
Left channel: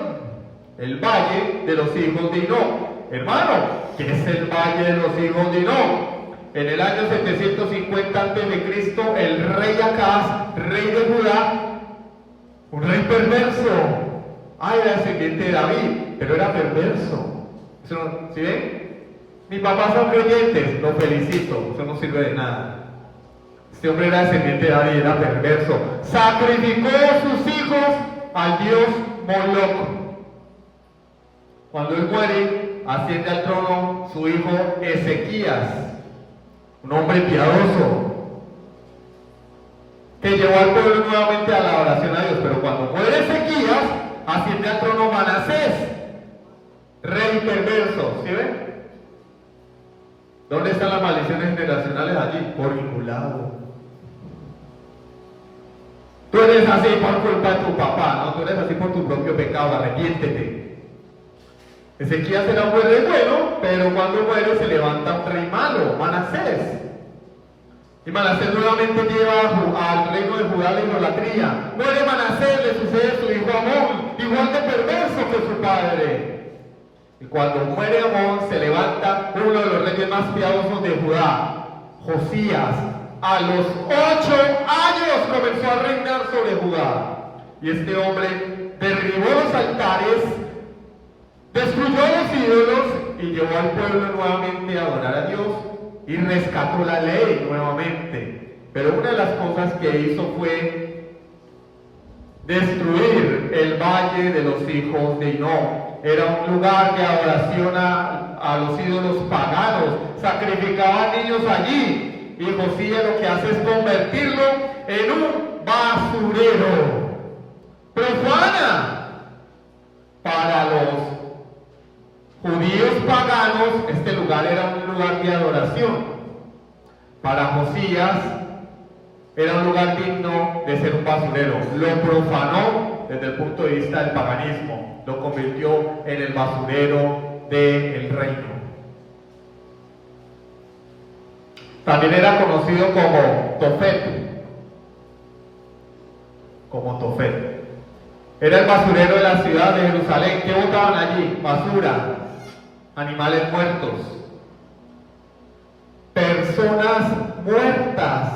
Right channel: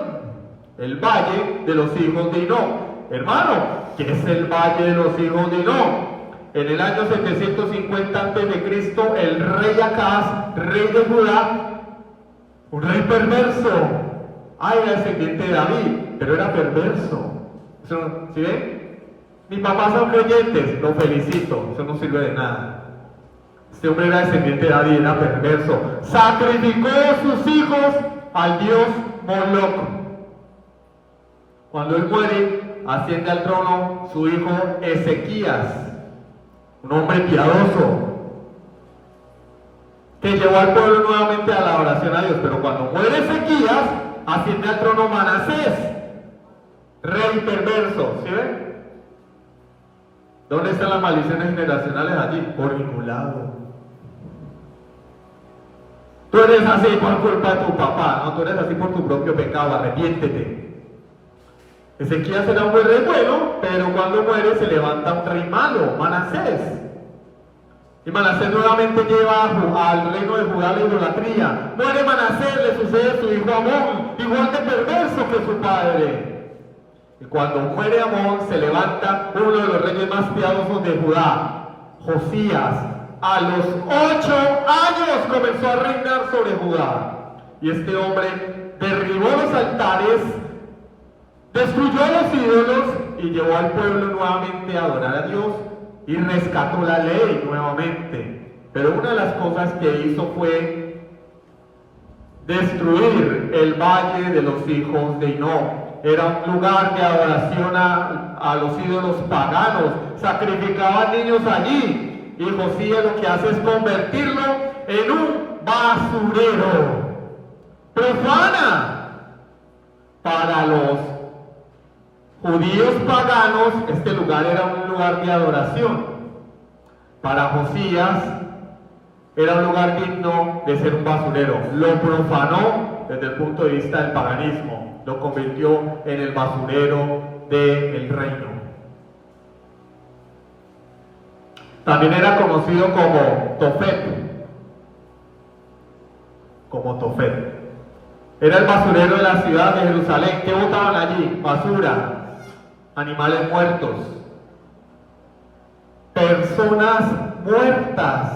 El Valle de los Hijos de Hinnom. Hermano, ¿qué es el Valle de los Hijos de Hinnom? En el año 750 a.C., el rey Acaz, rey de Judá, un rey perverso. Era descendiente de David, pero era perverso. ¿Sí ven? Mis papás son creyentes, lo felicito, eso no sirve de nada. Este hombre era descendiente de David, era perverso. Sacrificó a sus hijos al dios Moloch. Cuando él muere, asciende al trono su hijo Ezequías, un hombre piadoso, que llevó al pueblo nuevamente a la oración a Dios. Pero cuando muere Ezequías, asciende al trono Manasés, rey perverso. ¿Sí ven? ¿Dónde están las maldiciones generacionales allí? Por ningún lado. Tú eres así por culpa de tu papá, no, tú eres así por tu propio pecado, arrepiéntete. Ezequías era un buen rey bueno, pero cuando muere se levanta un rey malo, Manasés. Y Manasés nuevamente lleva al reino de Judá la idolatría. Muere Manasés, le sucede su hijo Amón, igual de perverso que su padre. Y cuando muere Amón, se levanta uno de los reyes más piadosos de Judá, Josías. A los 8 años comenzó a reinar sobre Judá. Y este hombre derribó los altares, destruyó los ídolos y llevó al pueblo nuevamente a adorar a Dios y rescató la ley nuevamente. Pero una de las cosas que hizo fue destruir el valle de los hijos de Hinnom. Era un lugar de adoración a los ídolos paganos. Sacrificaban niños allí. Y Josías lo que hace es convertirlo en un basurero. Profana. Para los judíos paganos, este lugar era un lugar de adoración. Para Josías, era un lugar digno de ser un basurero. Lo profanó desde el punto de vista del paganismo. Lo convirtió en el basurero del reino. También era conocido como Tofet. Era el basurero de la ciudad de Jerusalén. ¿Qué botaban allí? Basura, animales muertos, personas muertas.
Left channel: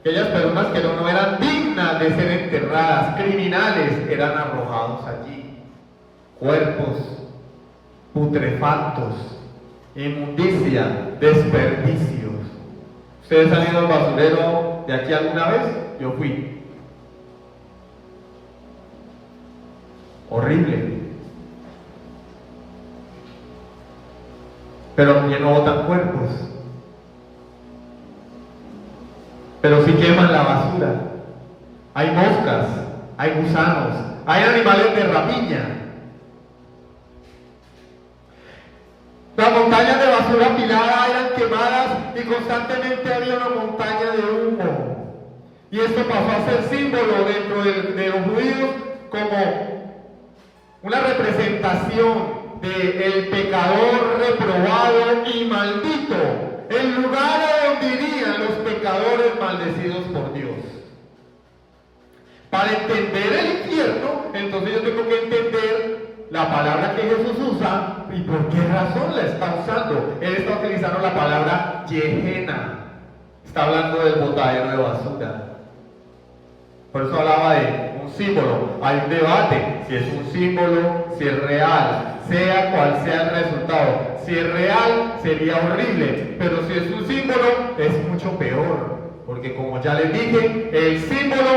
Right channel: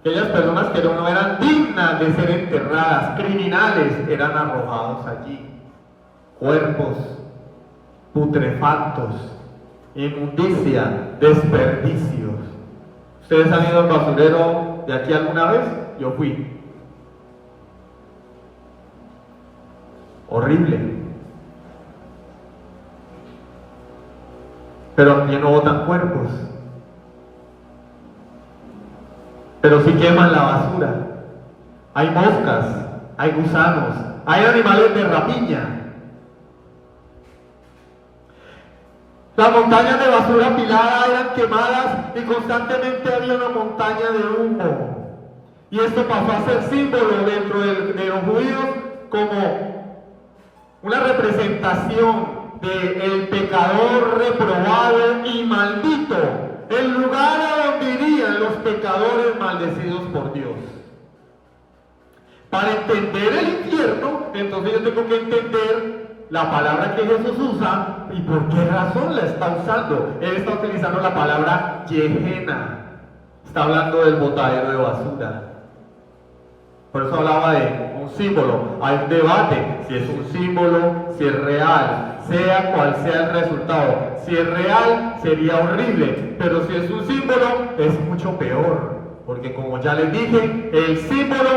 Aquellas personas que no eran dignas de ser enterradas, criminales, eran arrojados allí. Cuerpos putrefactos, inmundicia, desperdicios. ¿Ustedes han ido al basurero de aquí alguna vez? Yo fui. Horrible. Pero aquí no botan cuerpos. Pero sí queman la basura. Hay moscas, hay gusanos, hay animales de rapiña. Las montañas de basura apilada eran quemadas y constantemente había una montaña de humo. Y esto pasó a ser símbolo dentro de los judíos como una representación del pecador reprobado y maldito, el lugar a donde irían los pecadores maldecidos por Dios. Para entender el infierno, entonces yo tengo que entender la palabra que Jesús usa y por qué razón la está usando. Él está utilizando la palabra Gehenna. Está hablando del botadero de basura. Por eso hablaba de un símbolo. Hay un debate si es un símbolo, si es real, sea cual sea el resultado. Si es real, sería horrible, pero si es un símbolo, es mucho peor. Porque como ya les dije, el símbolo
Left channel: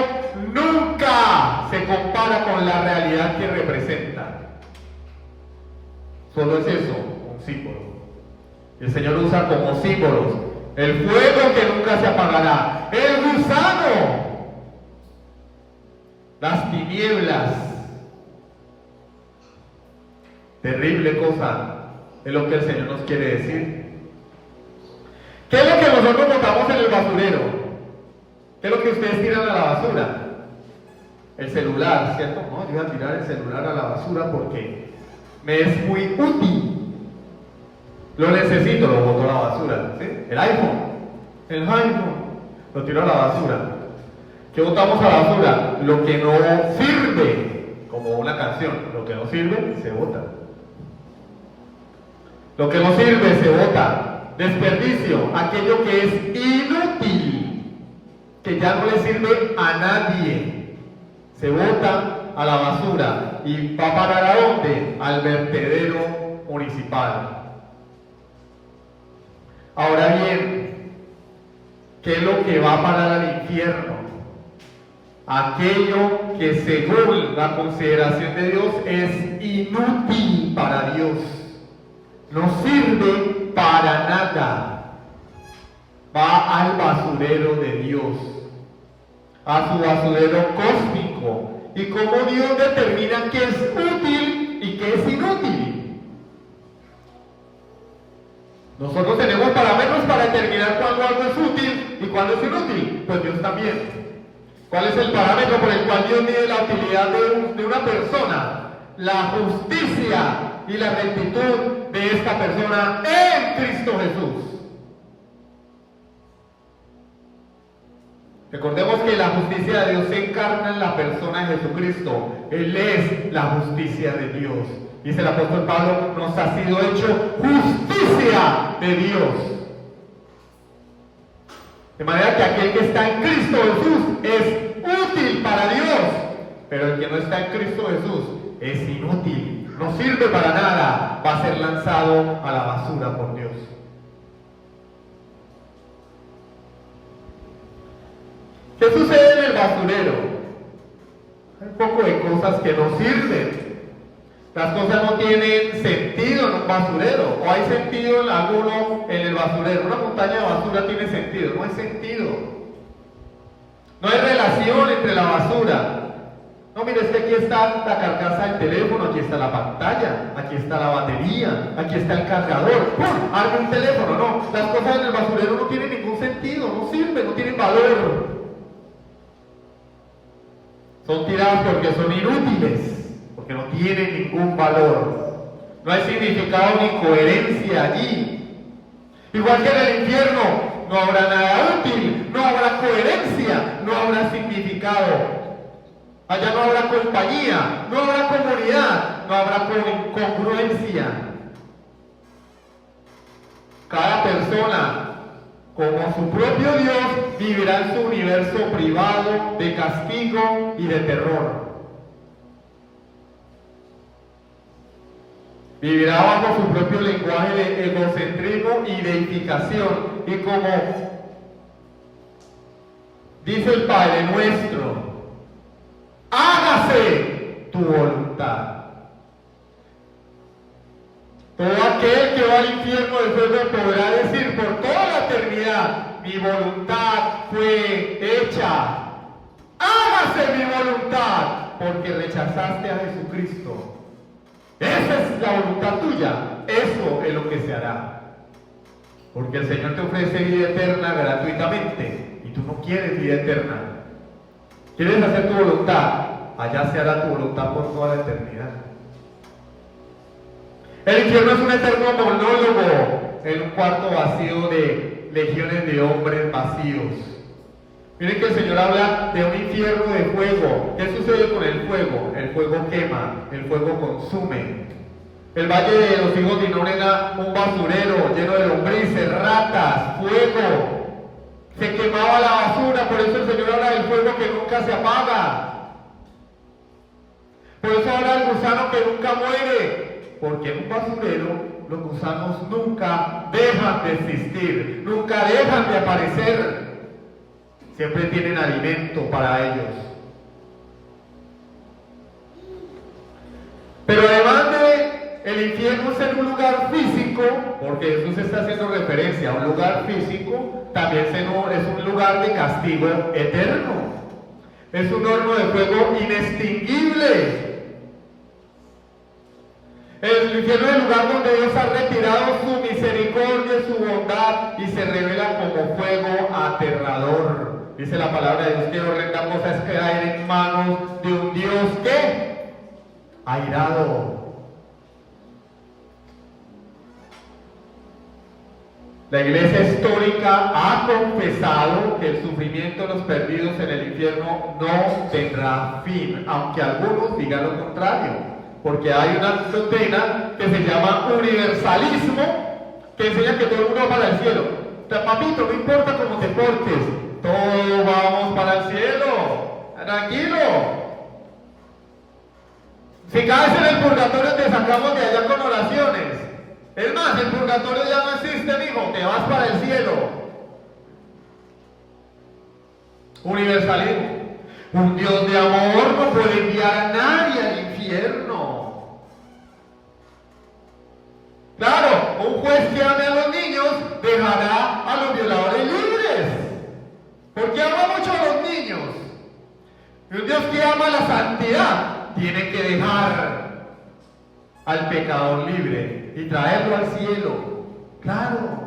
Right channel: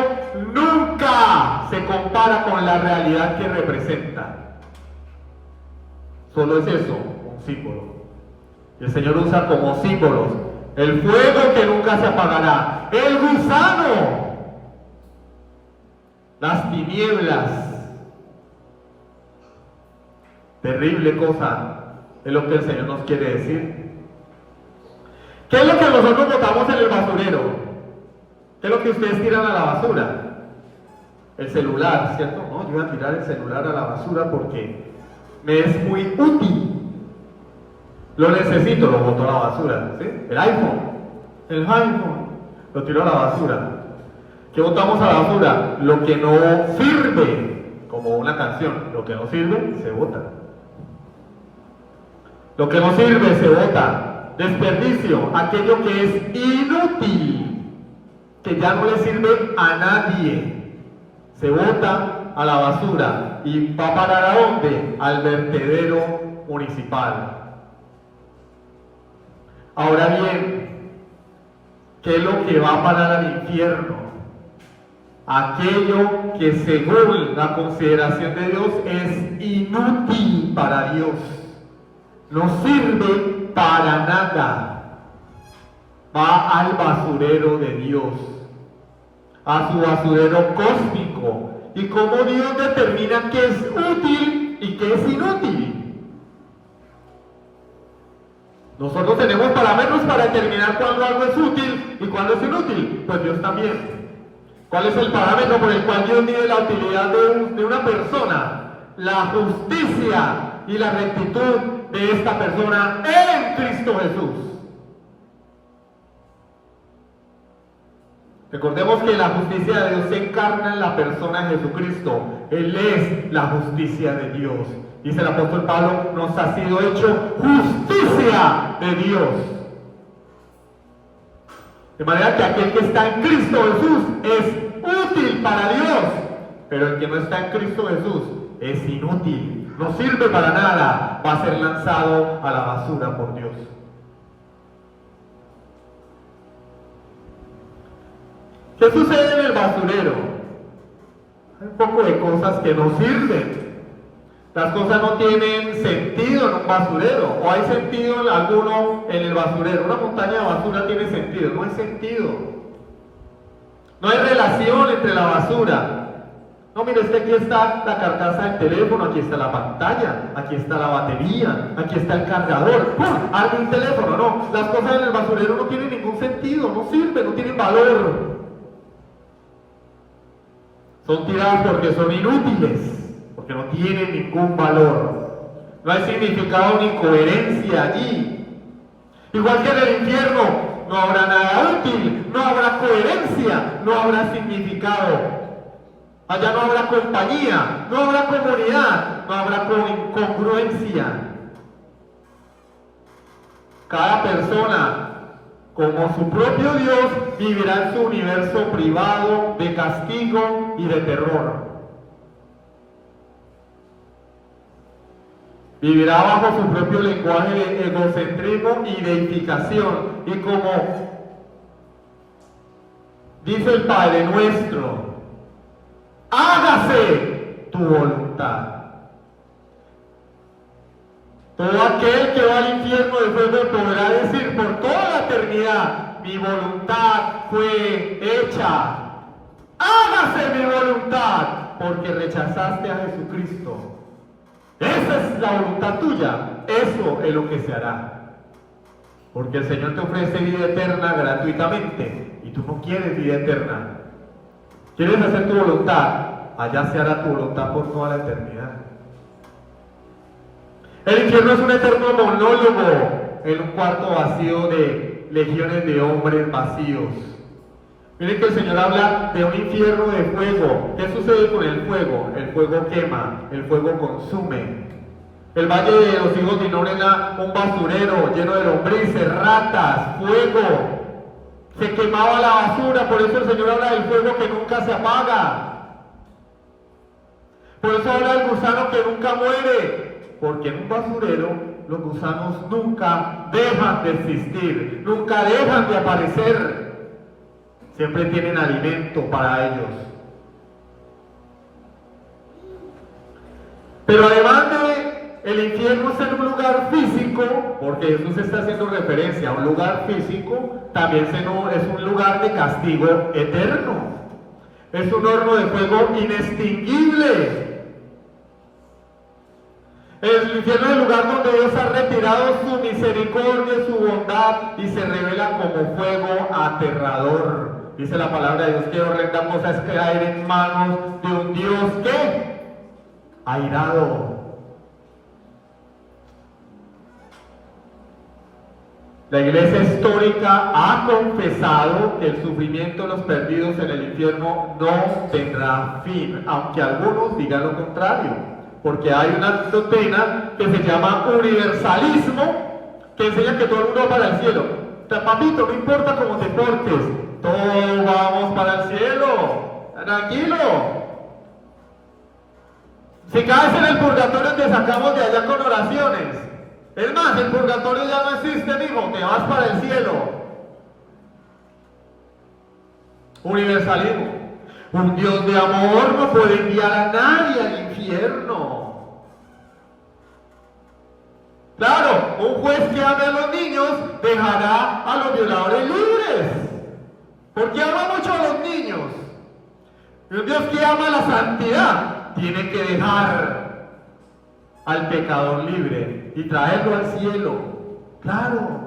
nunca se compara con la realidad que representa. Solo es eso, un símbolo. Y el Señor usa como símbolos el fuego que nunca se apagará, el gusano, las tinieblas. Terrible cosa es lo que el Señor nos quiere decir. ¿Qué es lo que nosotros botamos en el basurero? ¿Qué es lo que ustedes tiran a la basura? El celular, ¿cierto? No, yo voy a tirar el celular a la basura porque me es muy útil. Lo necesito, lo boto a la basura. ¿Sí? El iPhone, lo tiro a la basura. ¿Qué botamos a la basura? Lo que no sirve, como una canción. Lo que no sirve, se bota. Lo que no sirve, se bota. Desperdicio, aquello que es inútil, que ya no le sirve a nadie, se bota a la basura y va a parar ¿a dónde? Al vertedero municipal. Ahora bien, ¿qué es lo que va a parar al infierno? Aquello que según la consideración de Dios es inútil para Dios, no sirve para nada, va al basurero de Dios, a su basurero cósmico. Y cómo Dios determina qué es útil y qué es inútil. Nosotros tenemos parámetros para determinar cuándo algo es útil y cuándo es inútil, pues Dios también. ¿Cuál es el parámetro por el cual Dios mide la utilidad de una persona? La justicia y la rectitud de esta persona en Cristo Jesús. Recordemos que la justicia de Dios se encarna en la persona de Jesucristo. Él es la justicia de Dios. Dice el apóstol Pablo, nos ha sido hecho justicia de Dios. De manera que aquel que está en Cristo Jesús es útil para Dios, pero el que no está en Cristo Jesús es inútil, no sirve para nada, va a ser lanzado a la basura por Dios. ¿Qué sucede en el basurero? Hay un poco de cosas que no sirven. Las cosas no tienen sentido en un basurero, o hay sentido en alguno en el basurero. Una montaña de basura tiene sentido, no hay sentido. No hay relación entre la basura. No, mire, es que aquí está la carcasa del teléfono, aquí está la pantalla, aquí está la batería, aquí está el cargador. ¡Pum! Arde un teléfono. No, las cosas en el basurero no tienen ningún sentido, no sirven, no tienen valor. Son tiradas porque son inútiles, porque no tienen ningún valor. No hay significado ni coherencia allí. Igual que en el infierno, no habrá nada útil, no habrá coherencia, no habrá significado. Allá no habrá compañía, no habrá comunidad, no habrá congruencia. Cada persona, como su propio Dios, vivirá en su universo privado de castigo y de terror. Vivirá bajo su propio lenguaje de egocentrismo y deificación. Y como dice el Padre Nuestro, hágase tu voluntad. Todo aquel que va al infierno de fuego podrá decir por toda la eternidad, mi voluntad fue hecha. Hágase mi voluntad, porque rechazaste a Jesucristo. Esa es la voluntad tuya, eso es lo que se hará. Porque el Señor te ofrece vida eterna gratuitamente y tú no quieres vida eterna. ¿Quieres hacer tu voluntad? Allá se hará tu voluntad por toda la eternidad. El infierno es un eterno monólogo en un cuarto vacío de legiones de hombres vacíos. Miren que el Señor habla de un infierno de fuego. ¿Qué sucede con el fuego? El fuego quema, el fuego consume. El valle de los hijos de Hinnom era un basurero lleno de lombrices, ratas, fuego. Se quemaba la basura, por eso el Señor habla del fuego que nunca se apaga. Por eso habla del gusano que nunca muere, porque en un basurero los gusanos nunca dejan de existir, nunca dejan de aparecer. Siempre tienen alimento para ellos. Pero además de el infierno ser un lugar físico, porque Jesús está haciendo referencia a un lugar físico, también es un lugar de castigo eterno. Es un horno de fuego inextinguible. El infierno es el lugar donde Dios ha retirado su misericordia y su bondad y se revela como fuego aterrador. Dice la palabra de Dios que horrenda cosa es caer en manos de un Dios que airado. La iglesia histórica ha confesado que el sufrimiento de los perdidos en el infierno no tendrá fin, aunque algunos digan lo contrario, porque hay una doctrina que se llama universalismo, que enseña que todo el mundo va para el cielo. Papito, no importa cómo te portes, todos vamos para el cielo, tranquilo. Si caes en el purgatorio te sacamos de allá con oraciones. Es más, el purgatorio ya no existe, hijo, te vas para el cielo. Universalismo. Un Dios de amor no puede enviar a nadie al infierno. Claro, un juez que ame a los niños dejará a los violadores libres, porque ama mucho a los niños. Y un Dios que ama la santidad tiene que dejar al pecador libre y traerlo al cielo. Claro.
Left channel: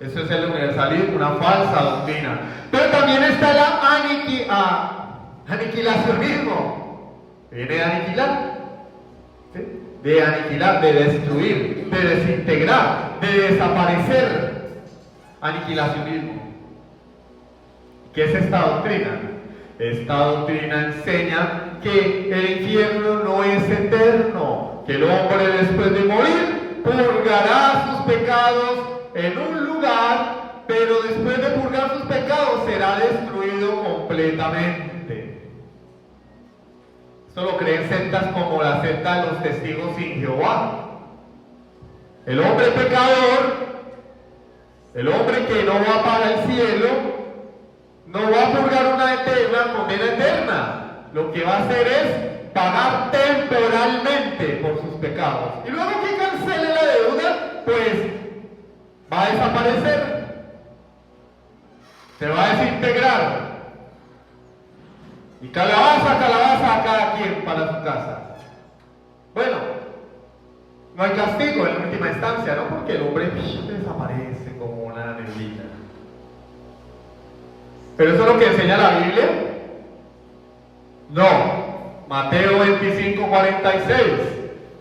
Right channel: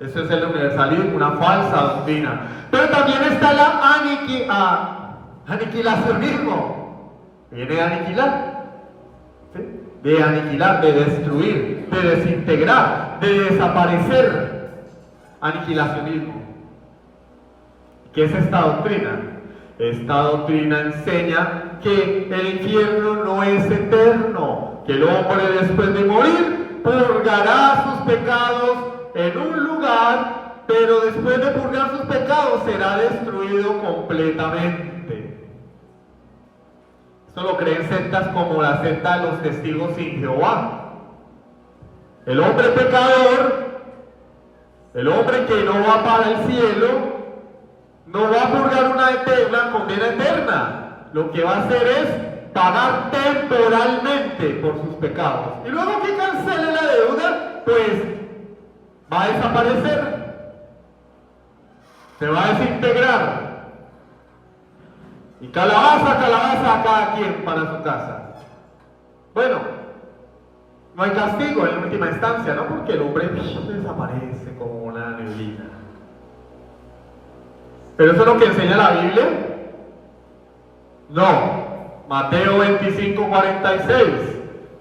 Eso es el universalismo, una falsa doctrina. Pero también está el aniquilacionismo. Viene a aniquilar. ¿Sí? De aniquilar, de destruir, de desintegrar, de desaparecer. Aniquilacionismo. ¿Qué es esta doctrina? Esta doctrina enseña que el infierno no es eterno, que el hombre después de morir purgará sus pecados en un lugar, pero después de purgar sus pecados será destruido completamente. Esto lo creen sectas como la secta de los testigos sin Jehová. El hombre pecador, el hombre que no va para el cielo, no va a purgar una condena eterna. Lo que va a hacer es pagar temporalmente por sus pecados. Y luego que cancele la deuda, pues va a desaparecer. Se va a desintegrar. Y calabaza a cada quien para su casa. Bueno, no hay castigo en última instancia, ¿no? Porque el hombre desaparece como una neblina. ¿Pero eso es lo que enseña la Biblia? No. Mateo 25:46.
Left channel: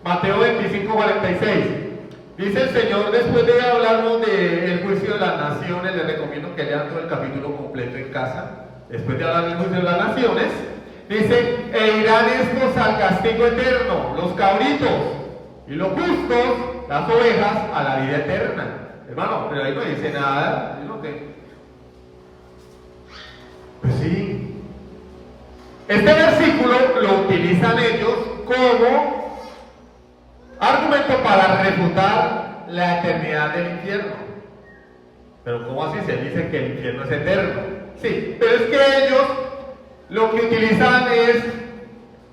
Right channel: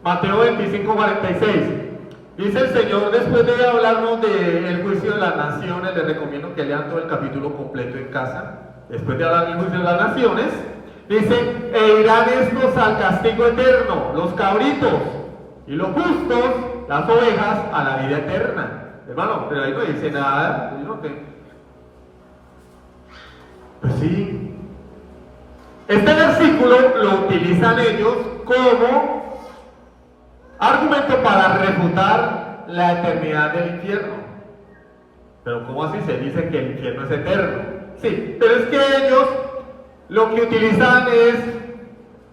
Mateo 25:46. Dice el Señor, después de hablarnos del juicio de las naciones, les recomiendo que lean todo el capítulo completo en casa. Después de hablar del juicio de las naciones, dice, e irán estos al castigo eterno, los cabritos, y los justos, las ovejas a la vida eterna. Hermano, pero ahí no dice nada. Yo no sé. Pues sí. Este versículo lo utilizan ellos como argumento para refutar la eternidad del infierno. Pero ¿cómo así se dice que el infierno es eterno? Sí, pero es que ellos lo que utilizan es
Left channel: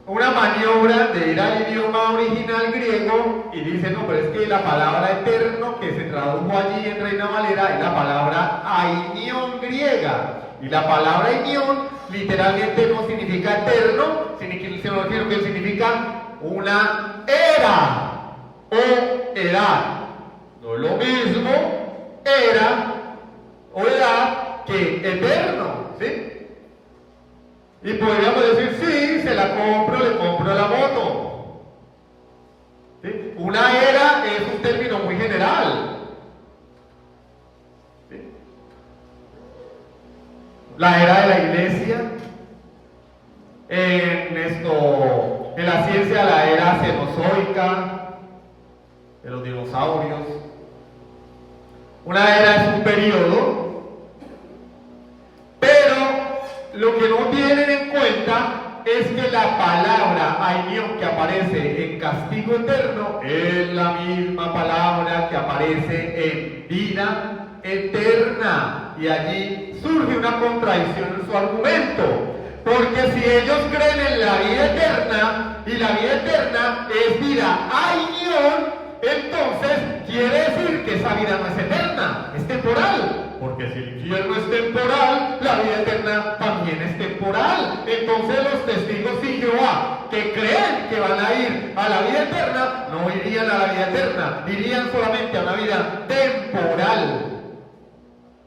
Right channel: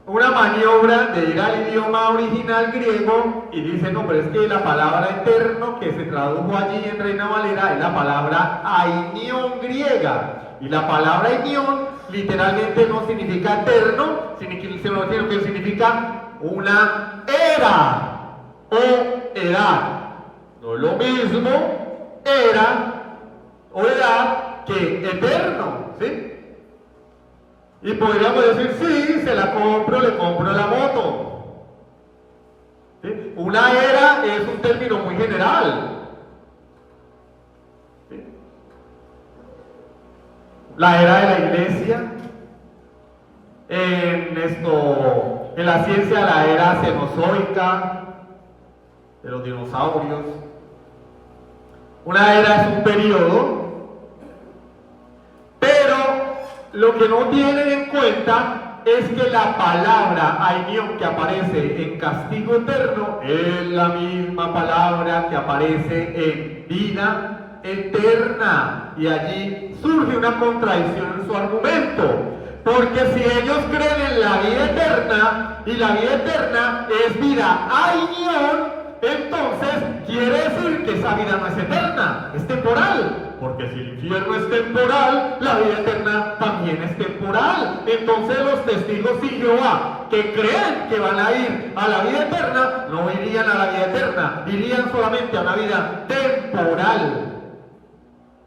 una maniobra de ir al idioma original griego y dicen, no, pero es que la palabra eterno que se tradujo allí en Reina Valera es la palabra ainión griega. Y la palabra ainión literalmente no significa eterno, sino que significa una era o edad. No es lo mismo era o edad que eterno, ¿sí? Y podríamos decir, sí, se la compro, le compro la moto. ¿Sí? Una era es un término muy general. ¿Sí? La era de la iglesia, en la ciencia la era cenozoica, de los dinosaurios. Una era es un periodo, pero lo que no tienen en cuenta es que la palabra ainión que aparece en castigo eterno es la misma palabra que aparece en vida eterna. Y allí surge una contradicción en su argumento. Porque si ellos creen en la vida eterna, y la vida eterna es vida ainión, entonces quiere decir que esa vida no es eterna, es temporal. Porque si el infierno es temporal, la vida eterna también es temporal. Entonces los testigos de Jehová que creen que van a ir a la vida eterna, no irían a la vida eterna, irían solamente a una vida temporal.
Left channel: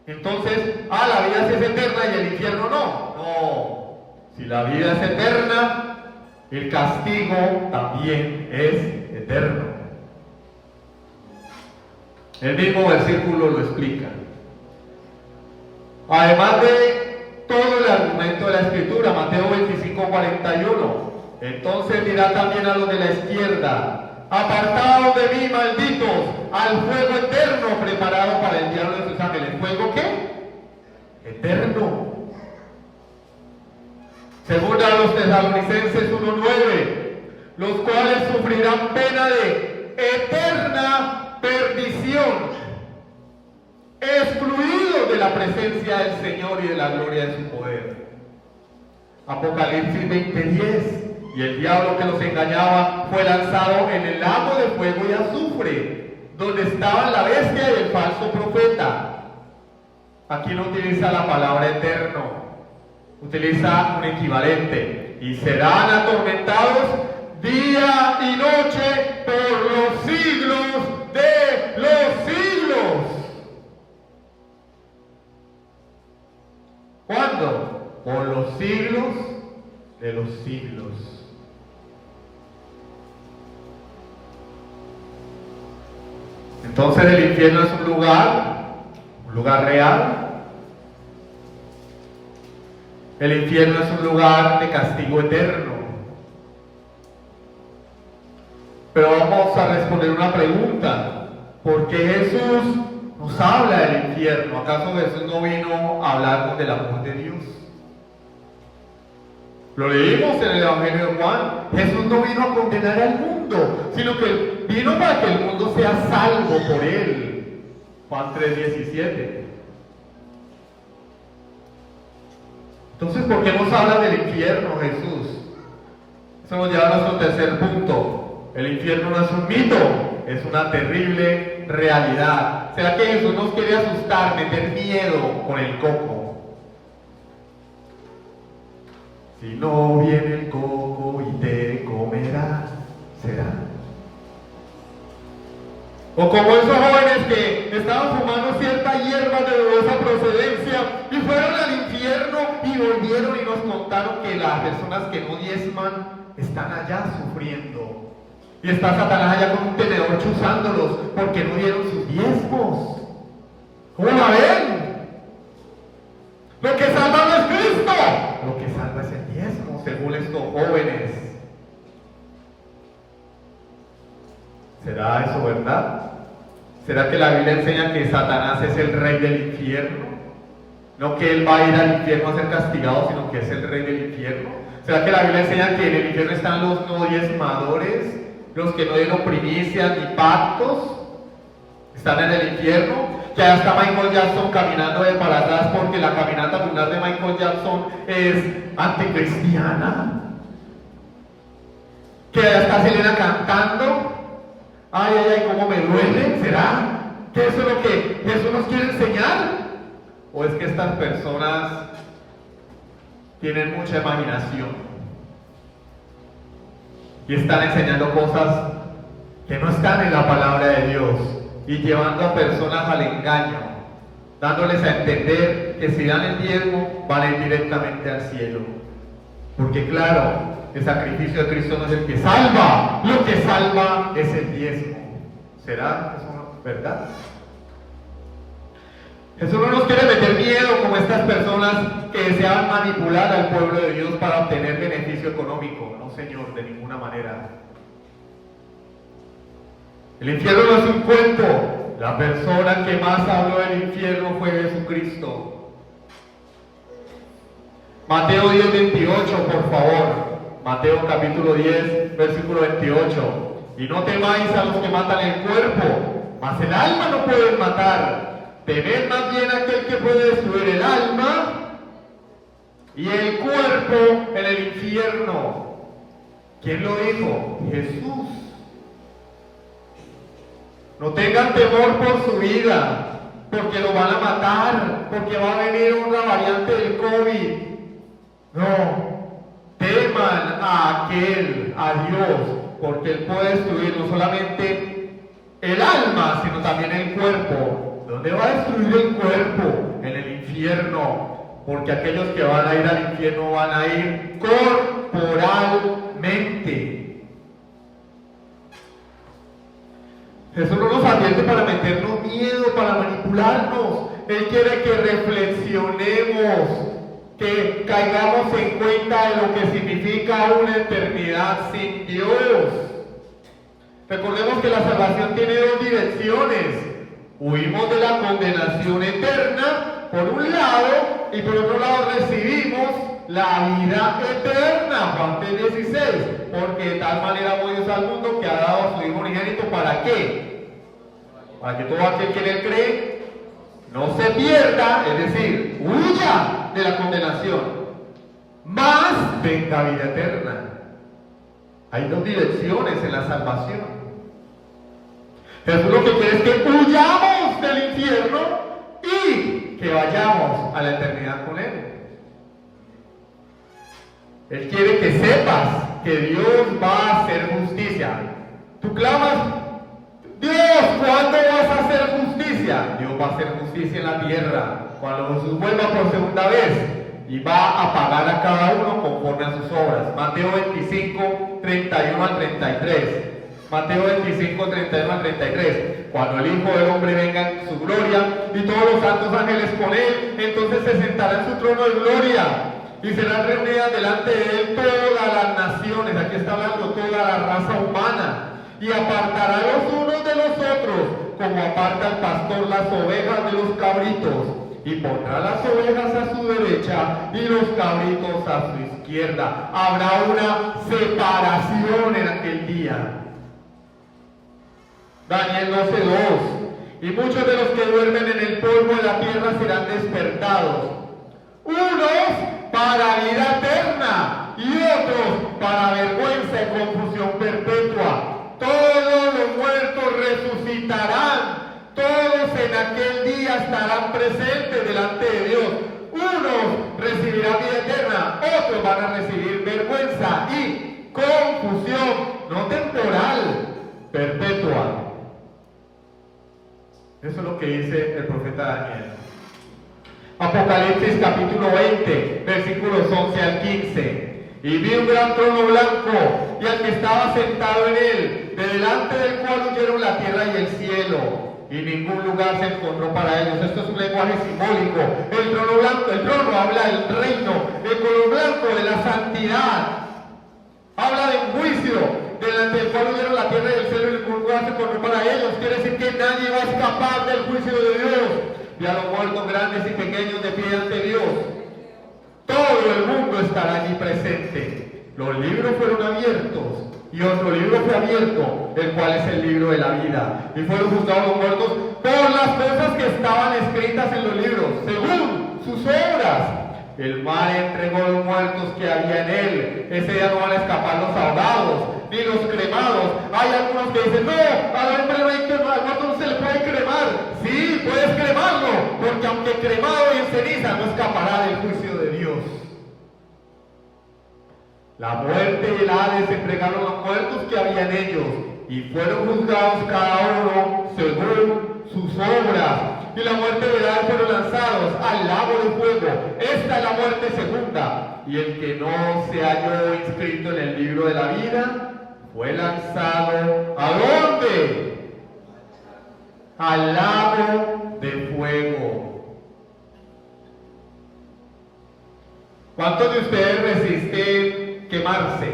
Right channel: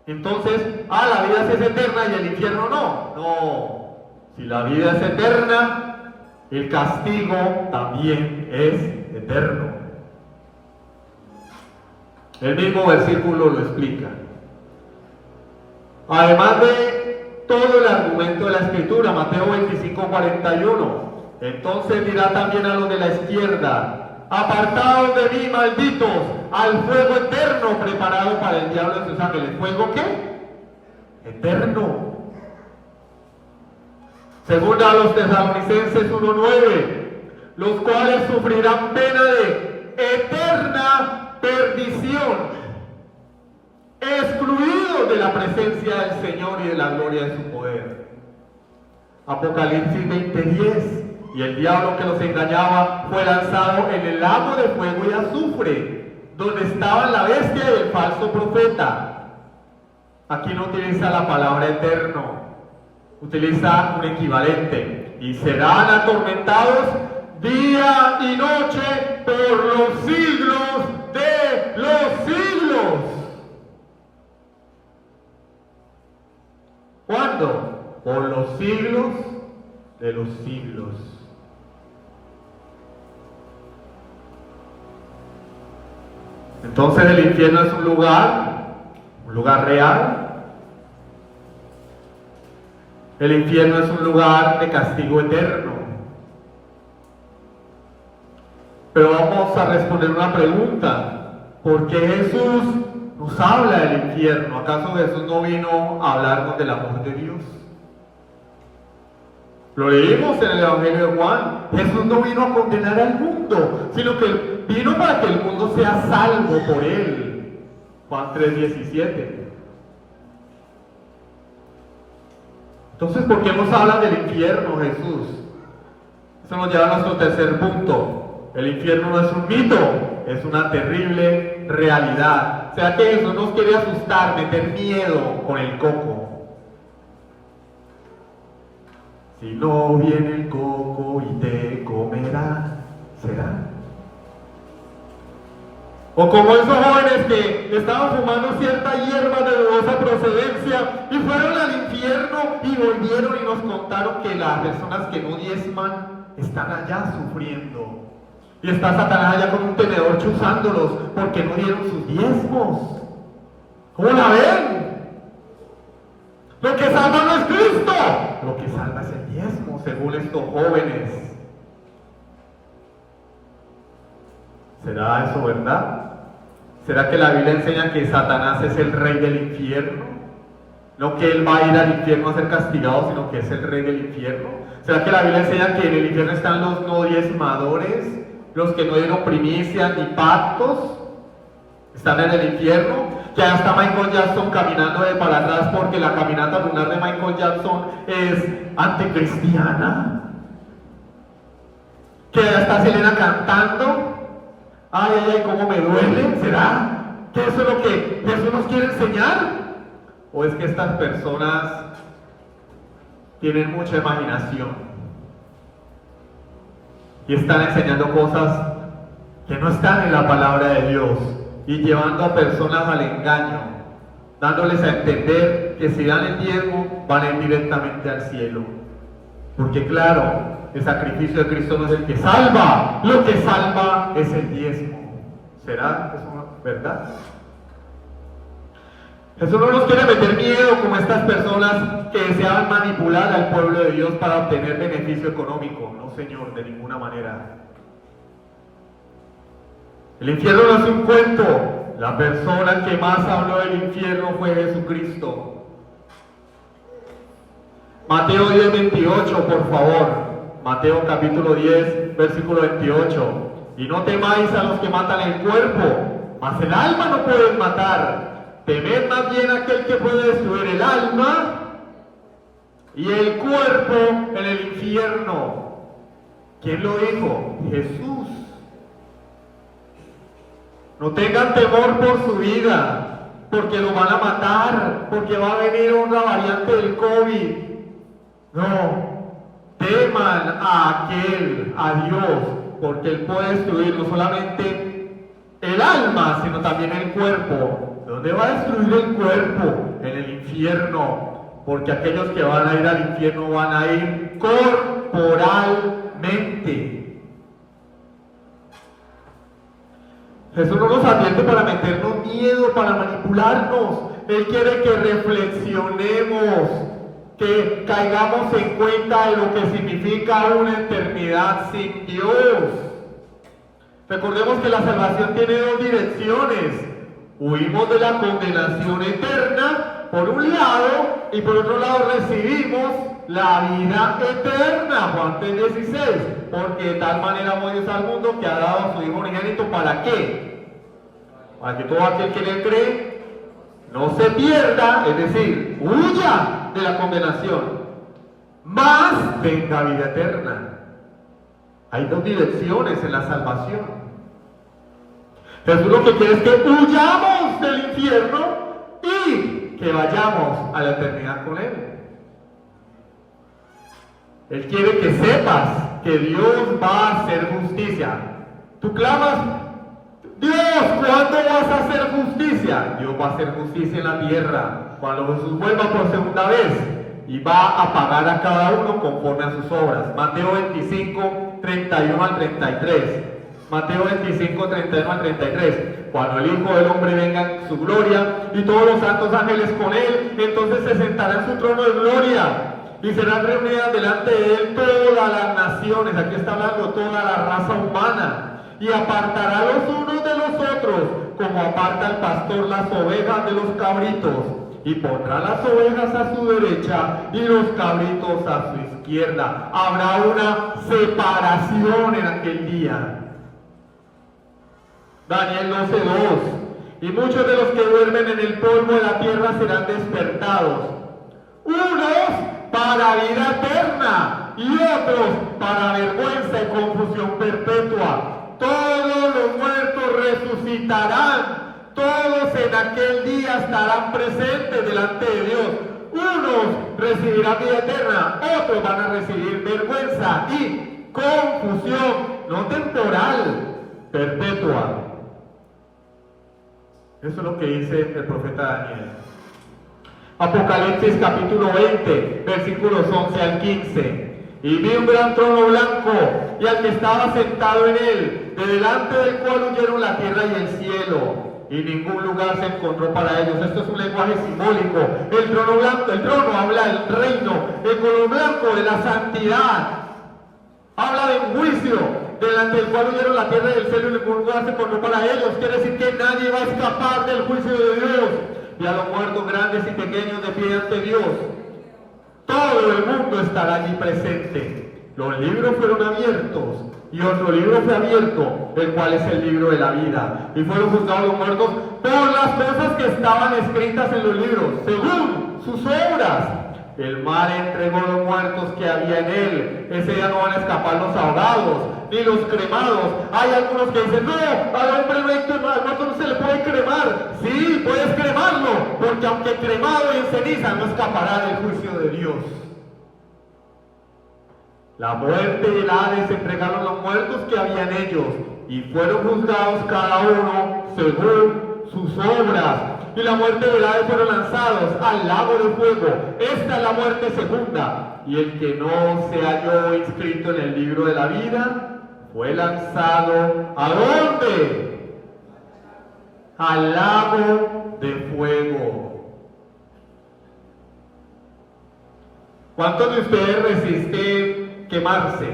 Entonces, la vida sí es eterna y el infierno no. No. Si la vida es eterna, el castigo también es eterno. El mismo versículo lo explica. Además de todo el argumento de la Escritura, Mateo 25:41, entonces dirá también a los de la izquierda, apartados de mí, malditos, al fuego eterno preparado para el diablo y sus ángeles. ¿Fuego qué? Eterno. Según a los Tesalonicenses 1:9, los cuales sufrirán pena de eterna perdición, excluidos de la presencia del Señor y de la gloria de su poder. Apocalipsis 20:10, y el diablo que los engañaba fue lanzado en el lago de fuego y azufre, donde estaban la bestia y el falso profeta. Aquí no utiliza la palabra eterno, utiliza un equivalente, y serán atormentados día y noche por los siglos de los siglos. ¿Cuándo? Por los siglos de los siglos. Entonces el infierno es un lugar real. El infierno es un lugar de castigo eterno. Pero vamos a responder una pregunta. ¿Por qué Jesús nos habla del infierno? ¿Acaso Jesús no vino a hablarnos del amor de Dios? Lo leímos en el Evangelio de Juan. Jesús no vino a condenar al mundo, sino que vino para que el mundo sea salvo por él. Juan 3:17. Entonces, ¿por qué nos habla del infierno, Jesús? Eso nos lleva a nuestro tercer punto. El infierno no es un mito, es una terrible realidad. O sea que Jesús nos quiere asustar, meter miedo con el coco. Si no viene el coco y te comerá, ¿será? O como esos jóvenes que estaban fumando cierta hierba de dudosa procedencia y fueron al infierno y volvieron y nos contaron que las personas que no diezman están allá sufriendo. Y está Satanás allá con un tenedor chuzándolos porque no dieron sus diezmos. ¿Cómo la ven? Lo que salva no es Cristo, lo que salva es el diezmo, según estos jóvenes. ¿Será eso verdad? ¿Será que la Biblia enseña que Satanás es el rey del infierno? No que él va a ir al infierno a ser castigado, sino que es el rey del infierno. ¿Será que la Biblia enseña que en el infierno están los no diezmadores, los que no dieron primicias ni pactos? Están en el infierno. Que hasta Michael Jackson caminando de para atrás porque la caminata lunar de Michael Jackson es anticristiana. Que está Selena cantando. Ay, ay, ay, cómo me duele. ¿Será que eso es lo que Jesús nos quiere enseñar? ¿O es que estas personas tienen mucha imaginación y están enseñando cosas que no están en la palabra de Dios y llevando a personas al engaño, dándoles a entender que si dan el diezmo van a ir directamente al cielo? Porque claro, el sacrificio de Cristo no es el que salva, lo que salva es el diezmo. ¿Será eso verdad? Jesús no nos quiere meter miedo como estas personas que desean manipular al pueblo de Dios para obtener beneficio económico. No, Señor, de ninguna manera. El infierno no es un cuento. La persona que más habló del infierno fue Jesucristo. Mateo 10, 28, por favor. Mateo capítulo 10, versículo 28. Y no temáis a los que matan el cuerpo, mas el alma no pueden matar. Temed más bien aquel que puede destruir el alma y el cuerpo en el infierno. ¿Quién lo dijo? Jesús. No tengan temor por su vida, porque lo van a matar, porque va a venir una variante del COVID. No, teman a aquel, a Dios, porque Él puede destruir no solamente el alma, sino también el cuerpo. ¿Dónde va a destruir el cuerpo? En el infierno, porque aquellos que van a ir al infierno van a ir corporalmente. Jesús no nos advierte para meternos miedo, para manipularnos. Él quiere que reflexionemos, que caigamos en cuenta de lo que significa una eternidad sin Dios. Recordemos que la salvación tiene dos direcciones. Huimos de la condenación eterna, por un lado, y por otro lado recibimos la vida eterna. Juan 3:16. Porque de tal manera amó Dios al mundo que ha dado a su Hijo unigénito. ¿Para qué? Para que todo aquel que en él cree no se pierda, es decir, huya de la condenación, mas venga vida eterna. Hay dos direcciones en la salvación. Jesús lo que quiere es que huyamos del infierno y que vayamos a la eternidad con Él. Él quiere que sepas que Dios va a hacer justicia. Tú clamas, Dios, ¿cuándo vas a hacer justicia? Dios va a hacer justicia en la tierra cuando Jesús vuelva por segunda vez y va a pagar a cada uno conforme a sus obras. Mateo 25, 31 al 33. Mateo 25, 31 al 33. Cuando el Hijo del Hombre venga en su gloria y todos los santos ángeles con Él, entonces se sentará en su trono de gloria y serán reunidas delante de Él todas las naciones. Aquí está hablando toda la raza humana. Y apartará los unos de los otros, como aparta el pastor las ovejas de los cabritos. Y pondrá las ovejas a su derecha y los cabritos a su izquierda. Habrá una separación en aquel día. Daniel 12:2. Y muchos de los que duermen en el polvo de la tierra serán despertados. Unos para vida eterna y otros para vergüenza y confusión perpetua. Todos los muertos resucitarán. Todos en aquel día estarán presentes delante de Dios. Unos recibirán vida eterna, otros van a recibir vergüenza y confusión, no temporal, perpetua. Eso es lo que dice el profeta Daniel. Apocalipsis capítulo 20, versículos 11 al 15. Y vi un gran trono blanco, y al que estaba sentado en él, de delante del cual huyeron la tierra y el cielo, y ningún lugar se encontró para ellos. Esto es un lenguaje simbólico. El trono blanco, el trono habla del reino, el color blanco de la santidad. Habla de un juicio delante del cual huyeron la tierra y el cielo y el mundo hace por no para ellos. Quiere decir que nadie va a escapar del juicio de Dios. Y a los muertos grandes y pequeños de pie ante Dios. Todo el mundo estará allí presente. Los libros fueron abiertos y otro libro fue abierto, el cual es el libro de la vida. Y fueron juzgados los muertos por las cosas que estaban escritas en los libros, según sus obras. El mar entregó los muertos que había en él. Ese día no van a escapar los ahogados, ni los cremados. Hay algunos que dicen, no, al hombre muerto no se le puede cremar. Sí, puedes cremarlo, porque aunque cremado y en ceniza, no escapará del juicio de Dios. La muerte y el Hades entregaron los muertos que había en ellos, y fueron juzgados cada uno según sus obras. Y la muerte y el Hades fueron lanzados al lago de fuego. Esta es la muerte segunda. Y el que no se halló inscrito en el libro de la vida fue lanzado ¿a dónde? Al lago de fuego. ¿Cuántos de ustedes resisten quemarse?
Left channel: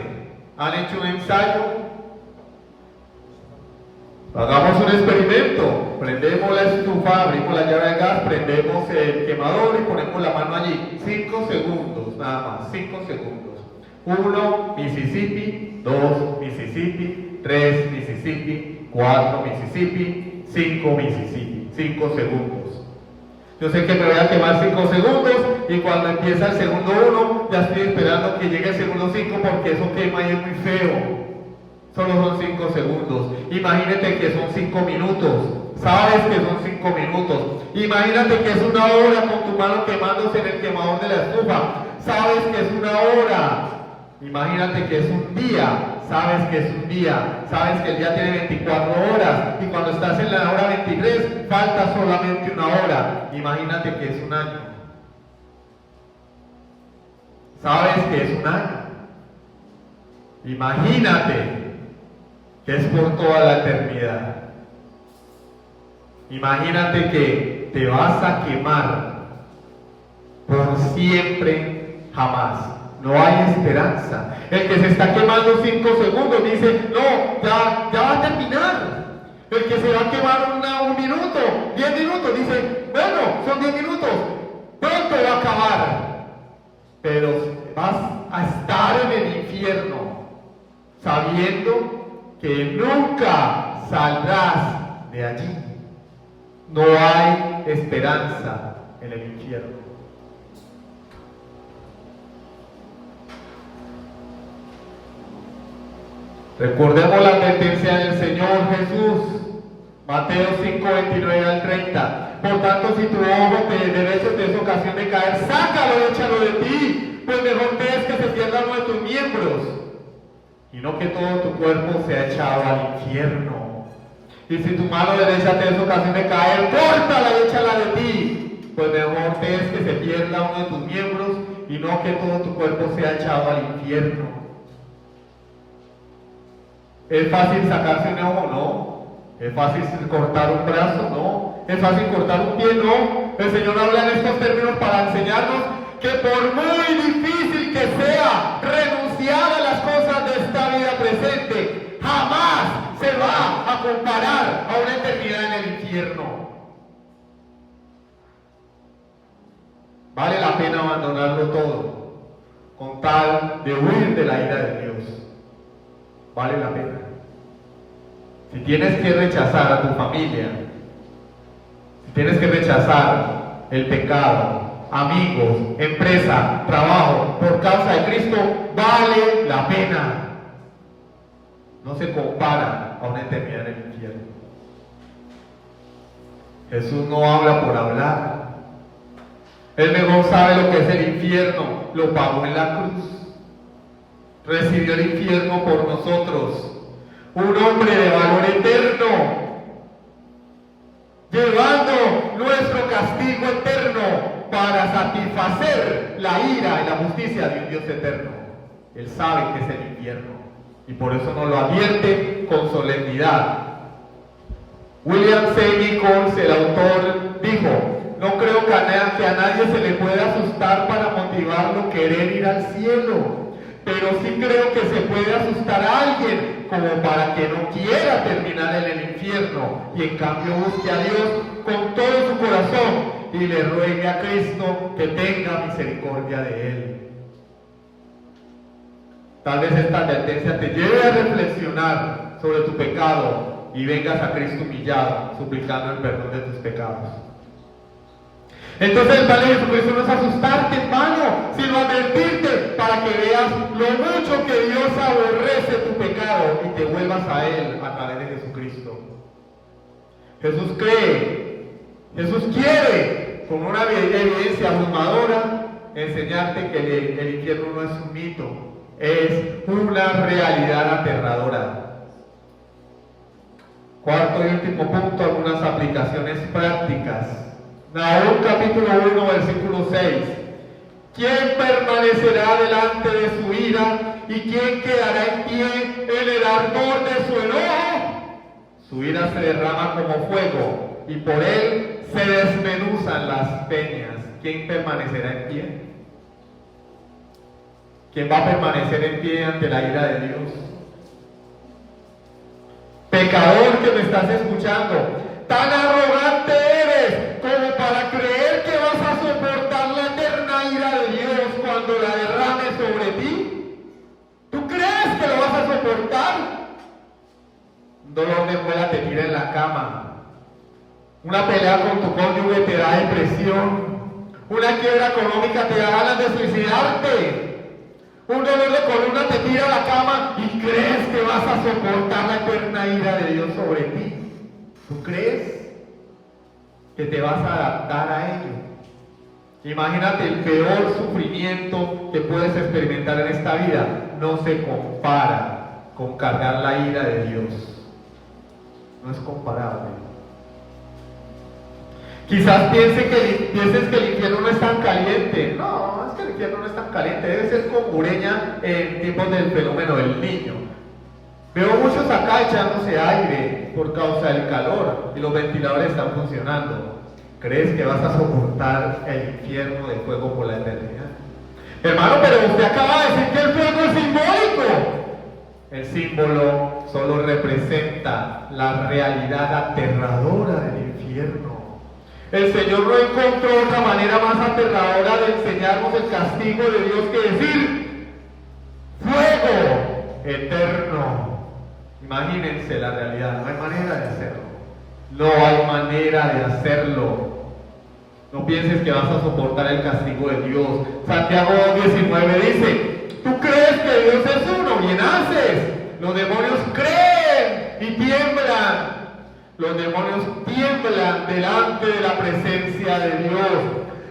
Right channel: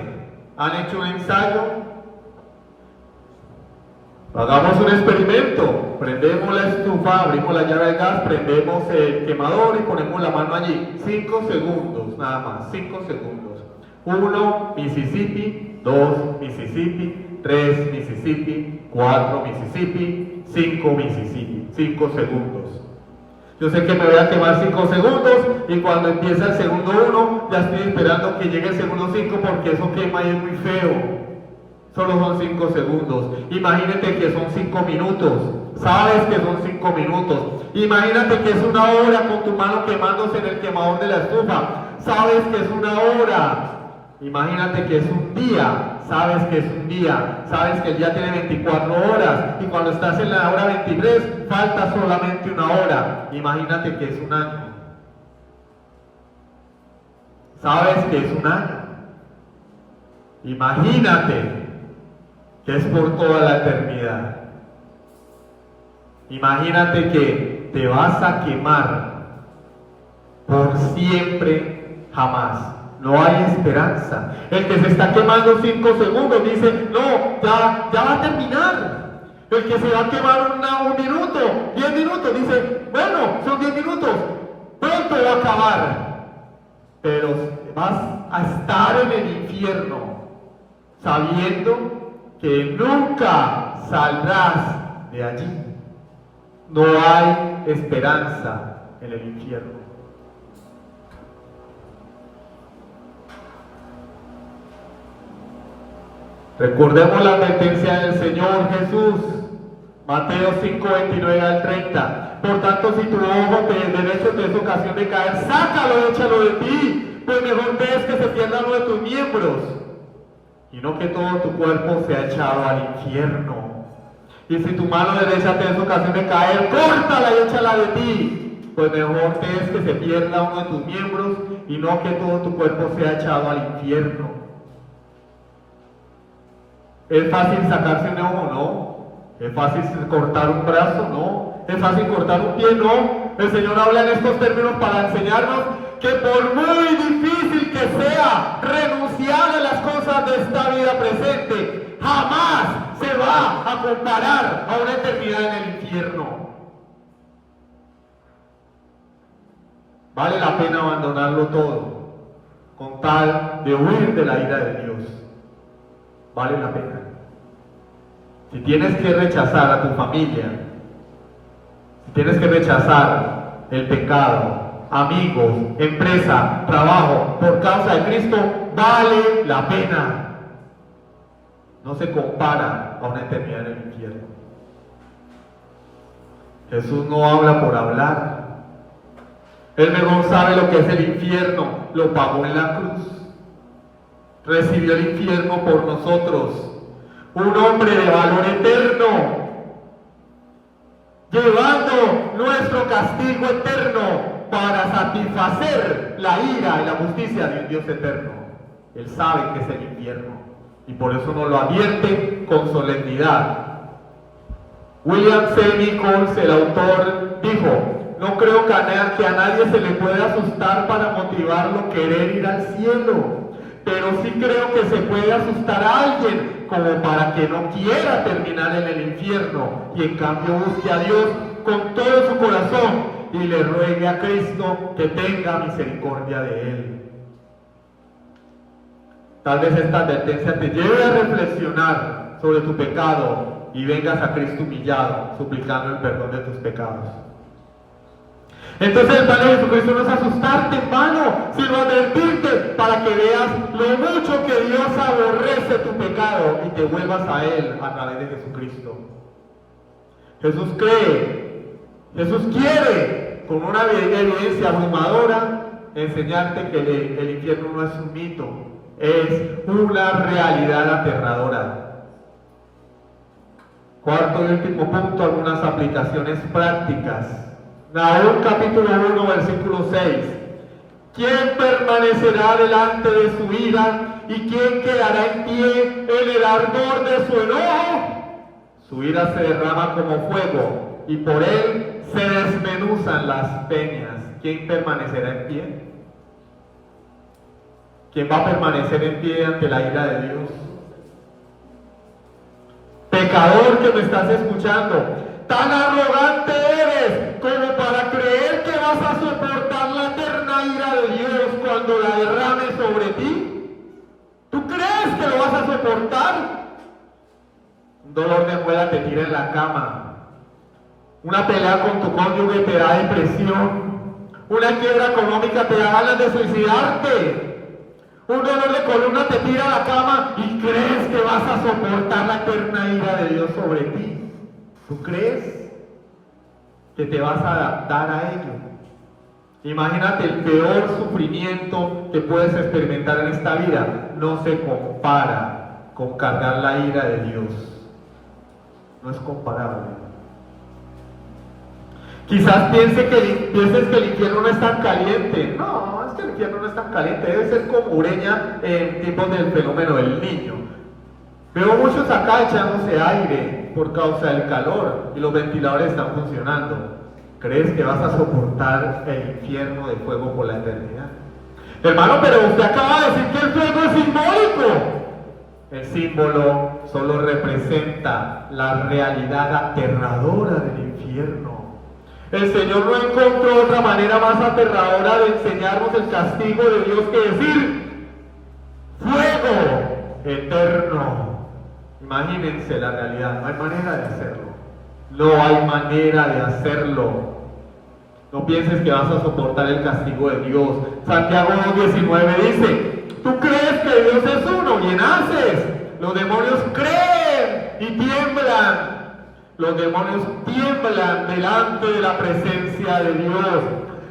¿Han hecho un ensayo? Hagamos un experimento. Prendemos la estufa, abrimos la llave de gas, prendemos el quemador y ponemos la mano allí. 5 segundos, nada más, 5 segundos. 1, Mississippi. 2, Mississippi. 3, Mississippi. 4, Mississippi. 5, Mississippi. 5 segundos. Yo sé que me voy a quemar 5 segundos y cuando empieza el segundo 1, ya estoy esperando que llegue el segundo 5 porque eso quema y es muy feo. Solo son 5 segundos. Imagínate que son 5 minutos. Sabes que son 5 minutos. Imagínate que es una hora con tu mano quemándose en el quemador de la estufa. Sabes que es una hora. Imagínate que es un día. Sabes que es un día. Sabes que el día tiene 24 horas. Y cuando estás en la hora 23, falta solamente una hora. Imagínate que es un año. Sabes que es un año. Imagínate que es por toda la eternidad. Imagínate que te vas a quemar por siempre, jamás. No hay esperanza. El que se está quemando 5 segundos dice, no, ya va a terminar. El que se va a quemar un minuto, 10 minutos, dice, bueno, son 10 minutos, pronto va a acabar. Pero vas a estar en el infierno, sabiendo que nunca saldrás de allí. No hay esperanza en el infierno. Recordemos la advertencia del Señor Jesús, Mateo 5, 29 al 30. Por tanto, si tu ojo te derecho te es ocasión de caer, sácalo, échalo de ti, pues mejor ves que se pierda uno de tus miembros, y no que todo tu cuerpo sea echado al infierno. Y si tu mano derecha te es ocasión de caer, córtala y échala de ti, pues mejor ves que se pierda uno de tus miembros, y no que todo tu cuerpo sea echado al infierno. ¿Es fácil sacarse un ojo? No. ¿Es fácil cortar un brazo? No. ¿Es fácil cortar un pie? No. El Señor habla en estos términos para enseñarnos que por muy difícil que sea renunciar a las cosas de esta vida presente, jamás se va a comparar a una eternidad en el infierno. Vale la pena abandonarlo todo con tal de huir de la ira de Dios. Vale la pena. Si tienes que rechazar a tu familia, si tienes que rechazar el pecado, amigos, empresa, trabajo, por causa de Cristo, vale la pena. No se compara a una eternidad en el infierno. Jesús no habla por hablar. Él mejor sabe lo que es el infierno, lo pagó en la cruz. Recibió el infierno por nosotros. Un hombre de valor eterno, llevando nuestro castigo eterno para satisfacer la ira y la justicia de un Dios eterno. Él sabe que es el infierno y por eso nos lo advierte con solemnidad. William C. Nichols, el autor, dijo: no creo que a nadie se le pueda asustar para motivarlo a querer ir al cielo. pero sí creo que se puede asustar a alguien como para que no quiera terminar en el infierno y en cambio busque a Dios con todo su corazón y le ruegue a Cristo que tenga misericordia de él. Tal vez esta advertencia te lleve a reflexionar sobre tu pecado y vengas a Cristo humillado, suplicando el perdón de tus pecados. Entonces el Padre Jesucristo no es asustarte, hermano, sino advertirte para que veas lo mucho que Dios aborrece tu pecado y te vuelvas a Él a través de Jesucristo. Jesús quiere, con una evidencia abrumadora, enseñarte que el infierno no es un mito, es una realidad aterradora. Cuarto y último punto, algunas aplicaciones prácticas. Nahum capítulo 1, versículo 6. ¿Quién permanecerá delante de su ira y quién quedará en pie en el ardor de su enojo? Su ira se derrama como fuego y por él se desmenuzan las peñas. ¿Quién permanecerá en pie? ¿Quién va a permanecer en pie ante la ira de Dios? Pecador que me estás escuchando, tan arrogante eres como para creer que vas a soportar la eterna ira de Dios cuando la derrame sobre ti. ¿Tú crees que lo vas a soportar? Un dolor de muela te tira en la cama. Una pelea con tu cónyuge te da depresión. Una quiebra económica te da ganas de suicidarte. Un dolor de columna te tira a la cama y crees que vas a soportar la eterna ira de Dios sobre ti. ¿Tú crees que te vas a adaptar a ello? Imagínate el peor sufrimiento que puedes experimentar en esta vida. No se compara con cargar la ira de Dios. No es comparable. Quizás pienses que el infierno no es tan caliente. No, es que el infierno no es tan caliente. Debe ser como Ureña en tiempos del fenómeno del Niño. Veo muchos acá echándose aire por causa del calor y los ventiladores están funcionando. ¿Crees que vas a soportar el infierno de fuego por la eternidad? Hermano, pero usted acaba de decir que el fuego es simbólico. El símbolo solo representa la realidad aterradora del infierno. El Señor no encontró otra manera más aterradora de enseñarnos el castigo de Dios que decir fuego eterno. Imagínense la realidad, no hay manera de hacerlo. No hay manera de hacerlo. No pienses que vas a soportar el castigo de Dios. Santiago 2:19 dice, ¿tú crees que Dios es uno? Bien haces. Los demonios creen y tiemblan. Los demonios tiemblan delante de la presencia de Dios.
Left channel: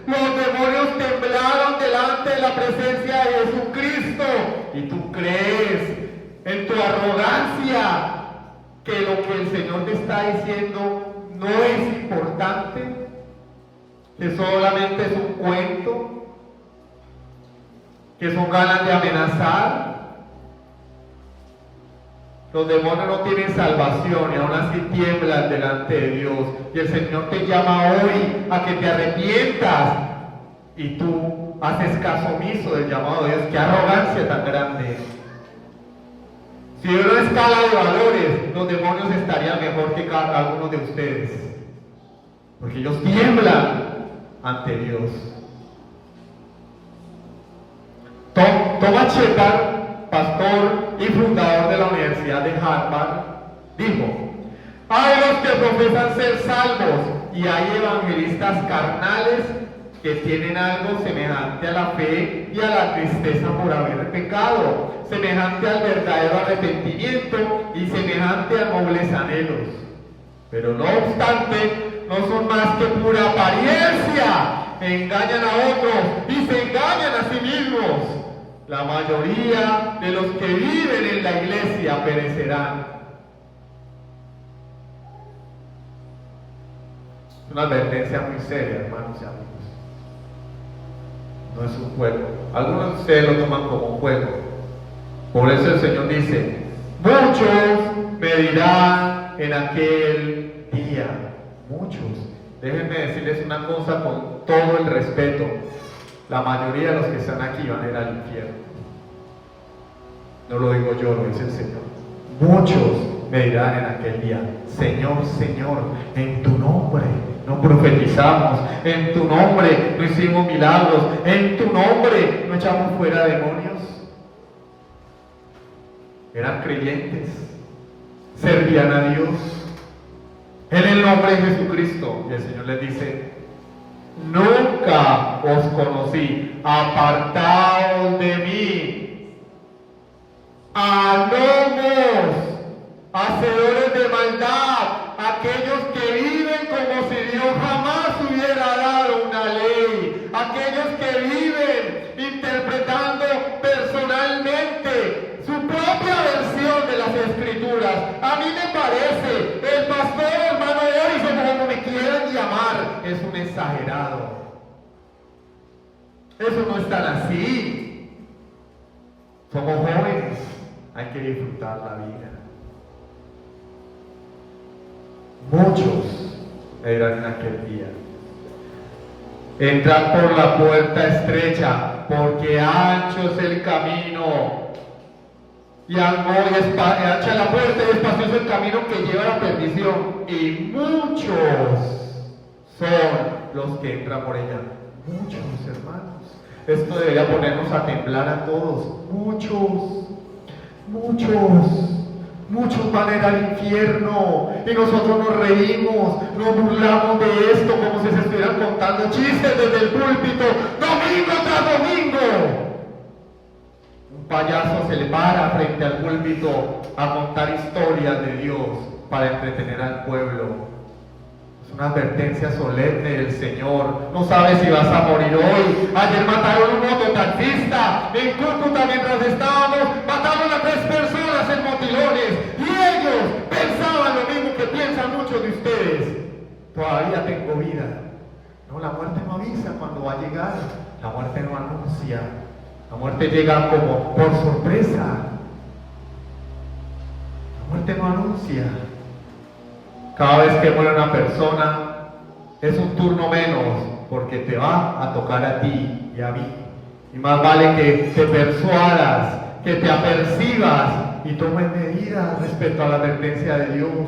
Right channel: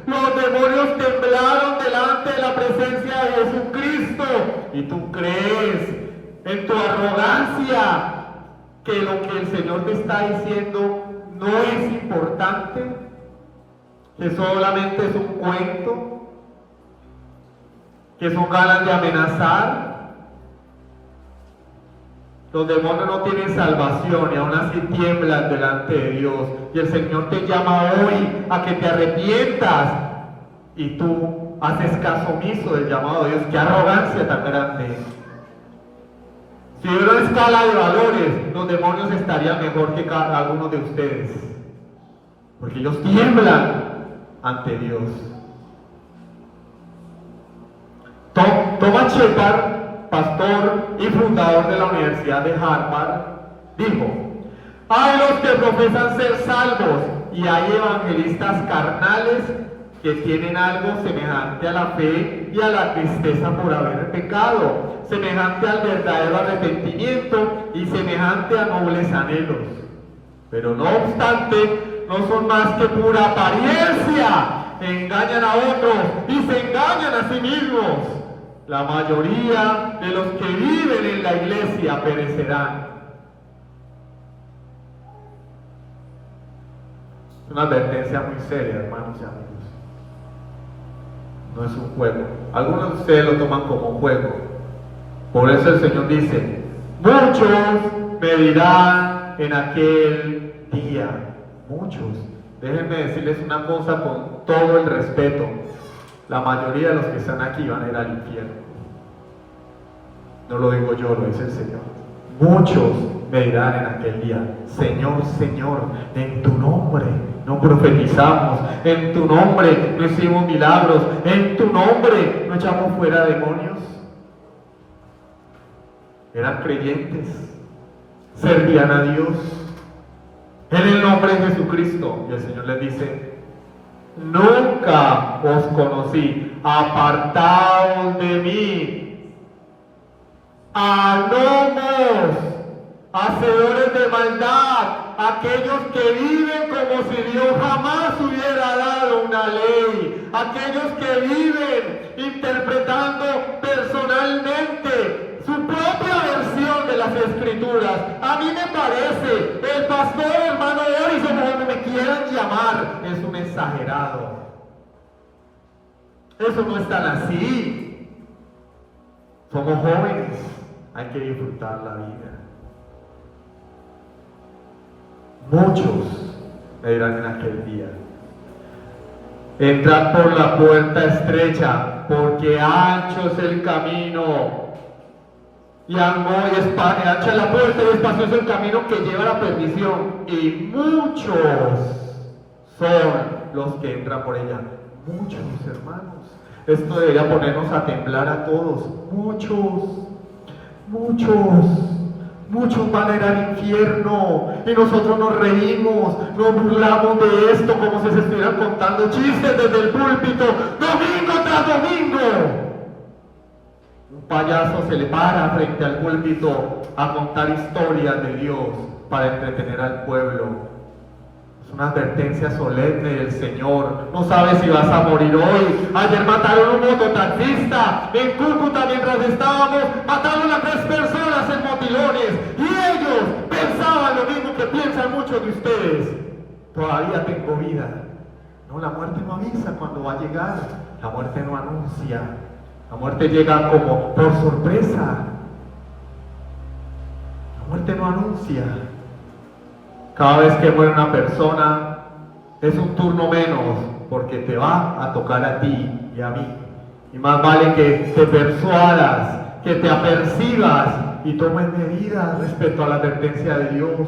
Los demonios temblaron delante de la presencia de Jesucristo. ¿Y tú crees en tu arrogancia que lo que el Señor te está diciendo no es importante? ¿Que solamente es un cuento? ¿Que son ganas de amenazar? Los demonios no tienen salvación y aún así tiemblan delante de Dios. Y el Señor te llama hoy a que te arrepientas. Y tú haces caso omiso del llamado de Dios. ¡Qué arrogancia tan grande! Si hubiera una escala de valores, los demonios estarían mejor que cada uno de ustedes. Porque ellos tiemblan ante Dios. Thomas Shepard, pastor y fundador de la Universidad de Harvard, dijo: hay los que profesan ser salvos y hay evangelistas carnales que tienen algo semejante a la fe y a la tristeza por haber pecado, semejante al verdadero arrepentimiento y semejante a nobles anhelos. Pero no obstante, no son más que pura apariencia, engañan a otros y se engañan a sí mismos. La mayoría de los que viven en la iglesia perecerán. Es una advertencia muy seria, hermanos y amigos. No es un juego. Algunos de ustedes lo toman como un juego. Por eso el Señor dice: muchos me dirán en aquel día. Muchos. Déjenme decirles una cosa con todo el respeto. La mayoría de los que están aquí van a ir al infierno. No lo digo yo, lo dice el Señor. Muchos me dirán en aquel día: Señor, Señor, en tu nombre no profetizamos, en tu nombre no hicimos milagros, en tu nombre no echamos fuera demonios. Eran creyentes, servían a Dios en el nombre de Jesucristo. Y el Señor les dice: nunca os conocí, apartaos de mí, anomos, hacedores de maldad, aquellos que viven como si Dios jamás hubiera dado una ley, aquellos que viven interpretando personalmente su propia versión de las Escrituras. A mí me parece, el pastor hermano Orison, como me quieran llamar, es un exagerado. Eso no es tan así. Somos jóvenes, hay que disfrutar la vida. Muchos me dirán en aquel día: entrad por la puerta estrecha, porque ancho es el camino, y ancha la puerta y espacioso el camino que lleva a la perdición, y muchos son los que entran por ella. Muchos, hermanos. Esto debería ponernos a temblar a todos. Muchos van a ir al infierno, y nosotros nos reímos, nos burlamos de esto como si se estuvieran contando chistes desde el púlpito, domingo tras domingo. Un payaso se le para frente al púlpito a contar historias de Dios para entretener al pueblo. Es una advertencia solemne del Señor. No sabes si vas a morir hoy. Ayer mataron a un mototaxista en Cúcuta mientras estábamos. Mataron a 3 personas en Motilones. Y ellos pensaban lo mismo que piensan muchos de ustedes. Todavía tengo vida. No, la muerte no avisa cuando va a llegar. La muerte no anuncia. La muerte llega como por sorpresa. La muerte no anuncia. Cada vez que muere una persona es un turno menos, porque te va a tocar a ti y a mí. Y más vale que te persuadas, que te apercibas y tomes medidas respecto a la advertencia de Dios.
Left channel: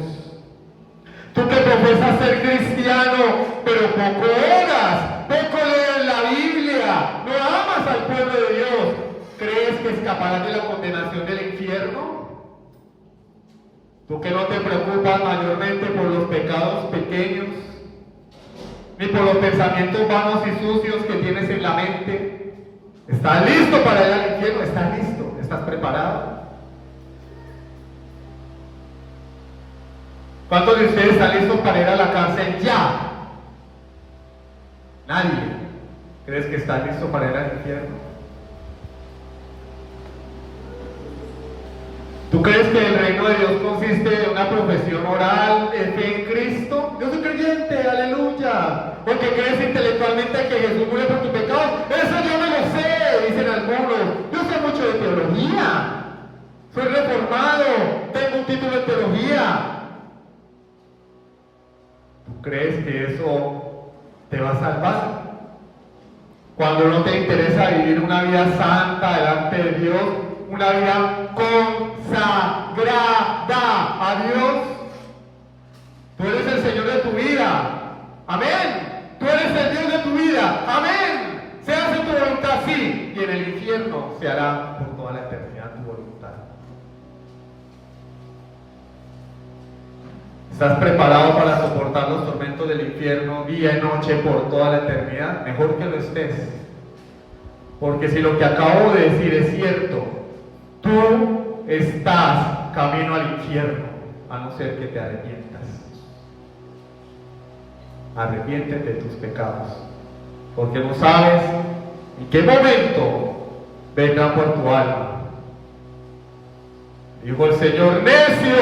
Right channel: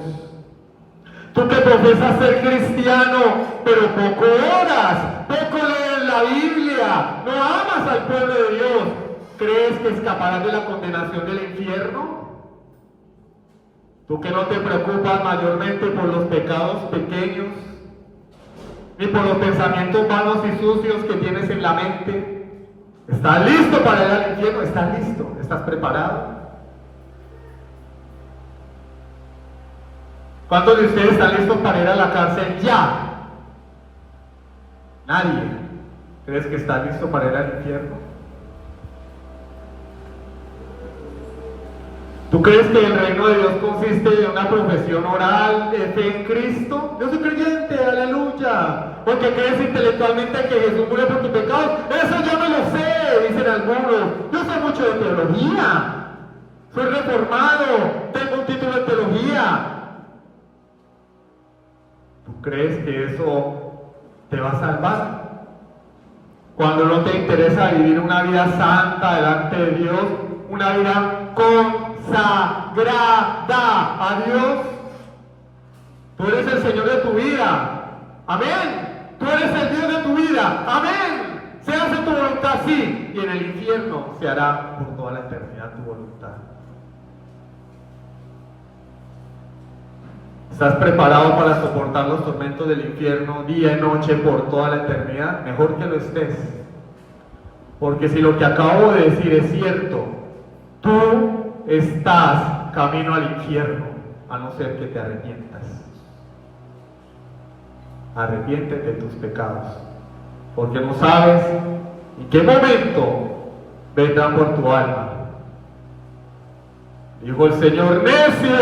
Tú que profesas ser cristiano, pero poco oras, poco lees la Biblia, no amas al pueblo de Dios, ¿crees que escaparás de la condenación del infierno? Tú que no te preocupas mayormente por los pecados pequeños, ni por los pensamientos vanos y sucios que tienes en la mente, ¿estás listo para ir al infierno? ¿Estás listo? ¿Estás preparado? ¿Cuántos de ustedes están listos para ir a la cárcel ya? Nadie. ¿Crees que estás listo para ir al infierno? ¿Tú crees que el reino de Dios consiste en una profesión oral de fe en Cristo? Yo soy creyente, aleluya. ¿O que crees intelectualmente que Jesús murió por tu pecado? Eso yo me lo sé, dicen algunos. Yo sé mucho de teología. Soy reformado, tengo un título en teología. ¿Tú crees que eso te va a salvar? Cuando no te interesa vivir una vida santa delante de Dios, una vida consagrada a Dios. Tú eres el Señor de tu vida. Amén. Tú eres el Dios de tu vida. Amén. Se hace tu voluntad, sí. Y en el infierno se hará por toda la eternidad tu voluntad. ¿Estás preparado para soportar los tormentos del infierno día y noche por toda la eternidad? Mejor que lo estés. Porque si lo que acabo de decir es cierto, tú estás camino al infierno, a no ser que te arrepientas. Arrepiéntete de tus pecados, porque no sabes en qué momento vendrán por tu alma. Dijo el Señor: necio,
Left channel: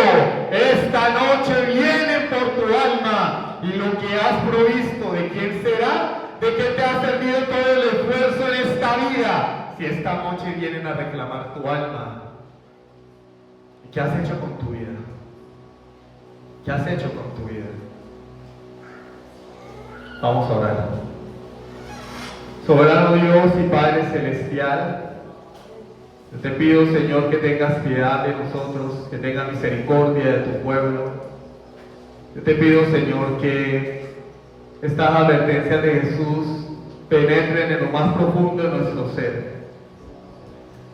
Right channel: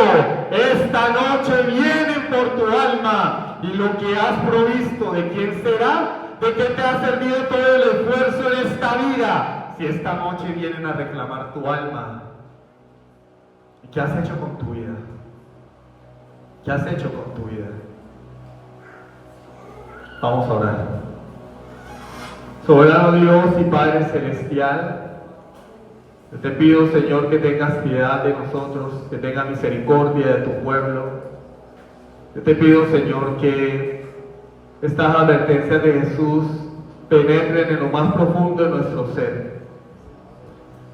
esta noche vienen por tu alma, y lo que has provisto, ¿de quién será? ¿De qué te ha servido todo el esfuerzo en esta vida, si esta noche vienen a reclamar tu alma? ¿Y qué has hecho con tu vida? ¿Qué has hecho con tu vida? Vamos a orar. Soberano Dios y Padre Celestial, Yo te pido, Señor, que tengas piedad de nosotros, que tengas misericordia de tu pueblo. Yo te pido, Señor, que estas advertencias de Jesús penetren en lo más profundo de nuestro ser.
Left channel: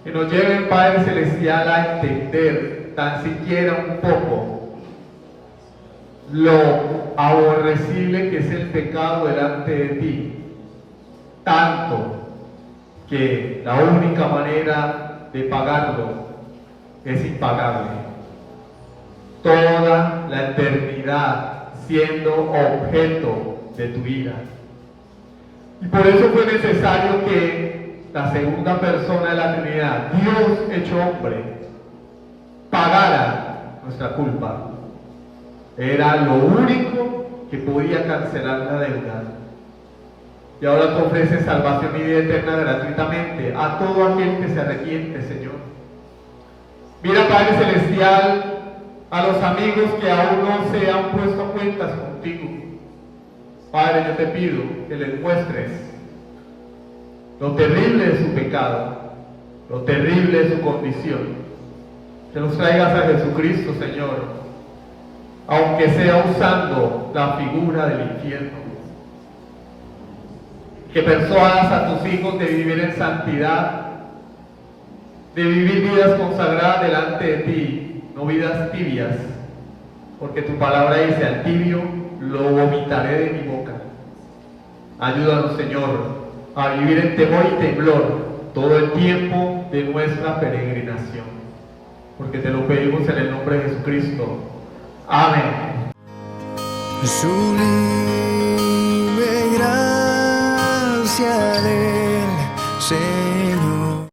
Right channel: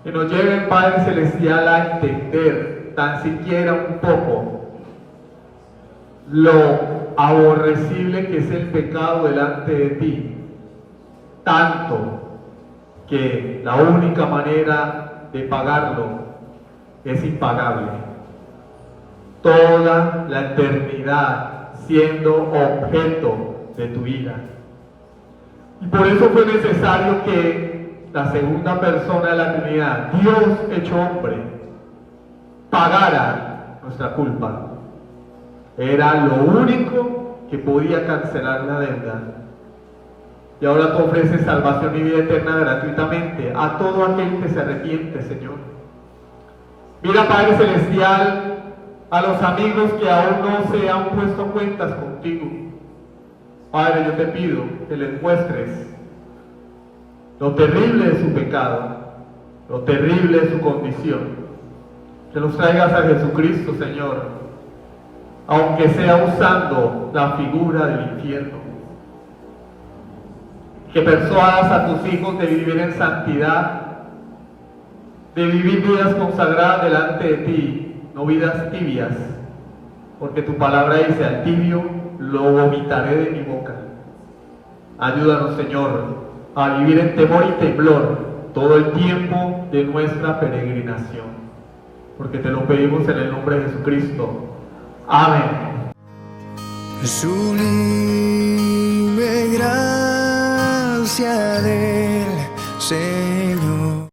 Que nos lleven, Padre Celestial, a entender tan siquiera un poco lo aborrecible que es el pecado delante de ti. Tanto que la única manera de pagarlo es impagable. Toda la eternidad siendo objeto de tu ira. Y por eso fue necesario que la segunda persona de la Trinidad, Dios hecho hombre, pagara nuestra culpa. Era lo único que podía cancelar la deuda. Y ahora te ofrece salvación y vida eterna gratuitamente a todo aquel que se arrepiente, Señor. Mira, Padre Celestial, a los amigos que aún no se han puesto cuentas contigo. Padre, yo te pido que les muestres lo terrible de su pecado, lo terrible de su condición. Que los traigas a Jesucristo, Señor, aunque sea usando la figura del infierno. Que persuadas a tus hijos de vivir en santidad, de vivir vidas consagradas delante de ti, no vidas tibias, porque tu palabra dice: al tibio lo vomitaré de mi boca. Ayúdanos, Señor, a vivir en temor y temblor todo el tiempo de nuestra peregrinación, porque te lo pedimos en el nombre de Jesucristo. Amén. Sublime gracia del Señor.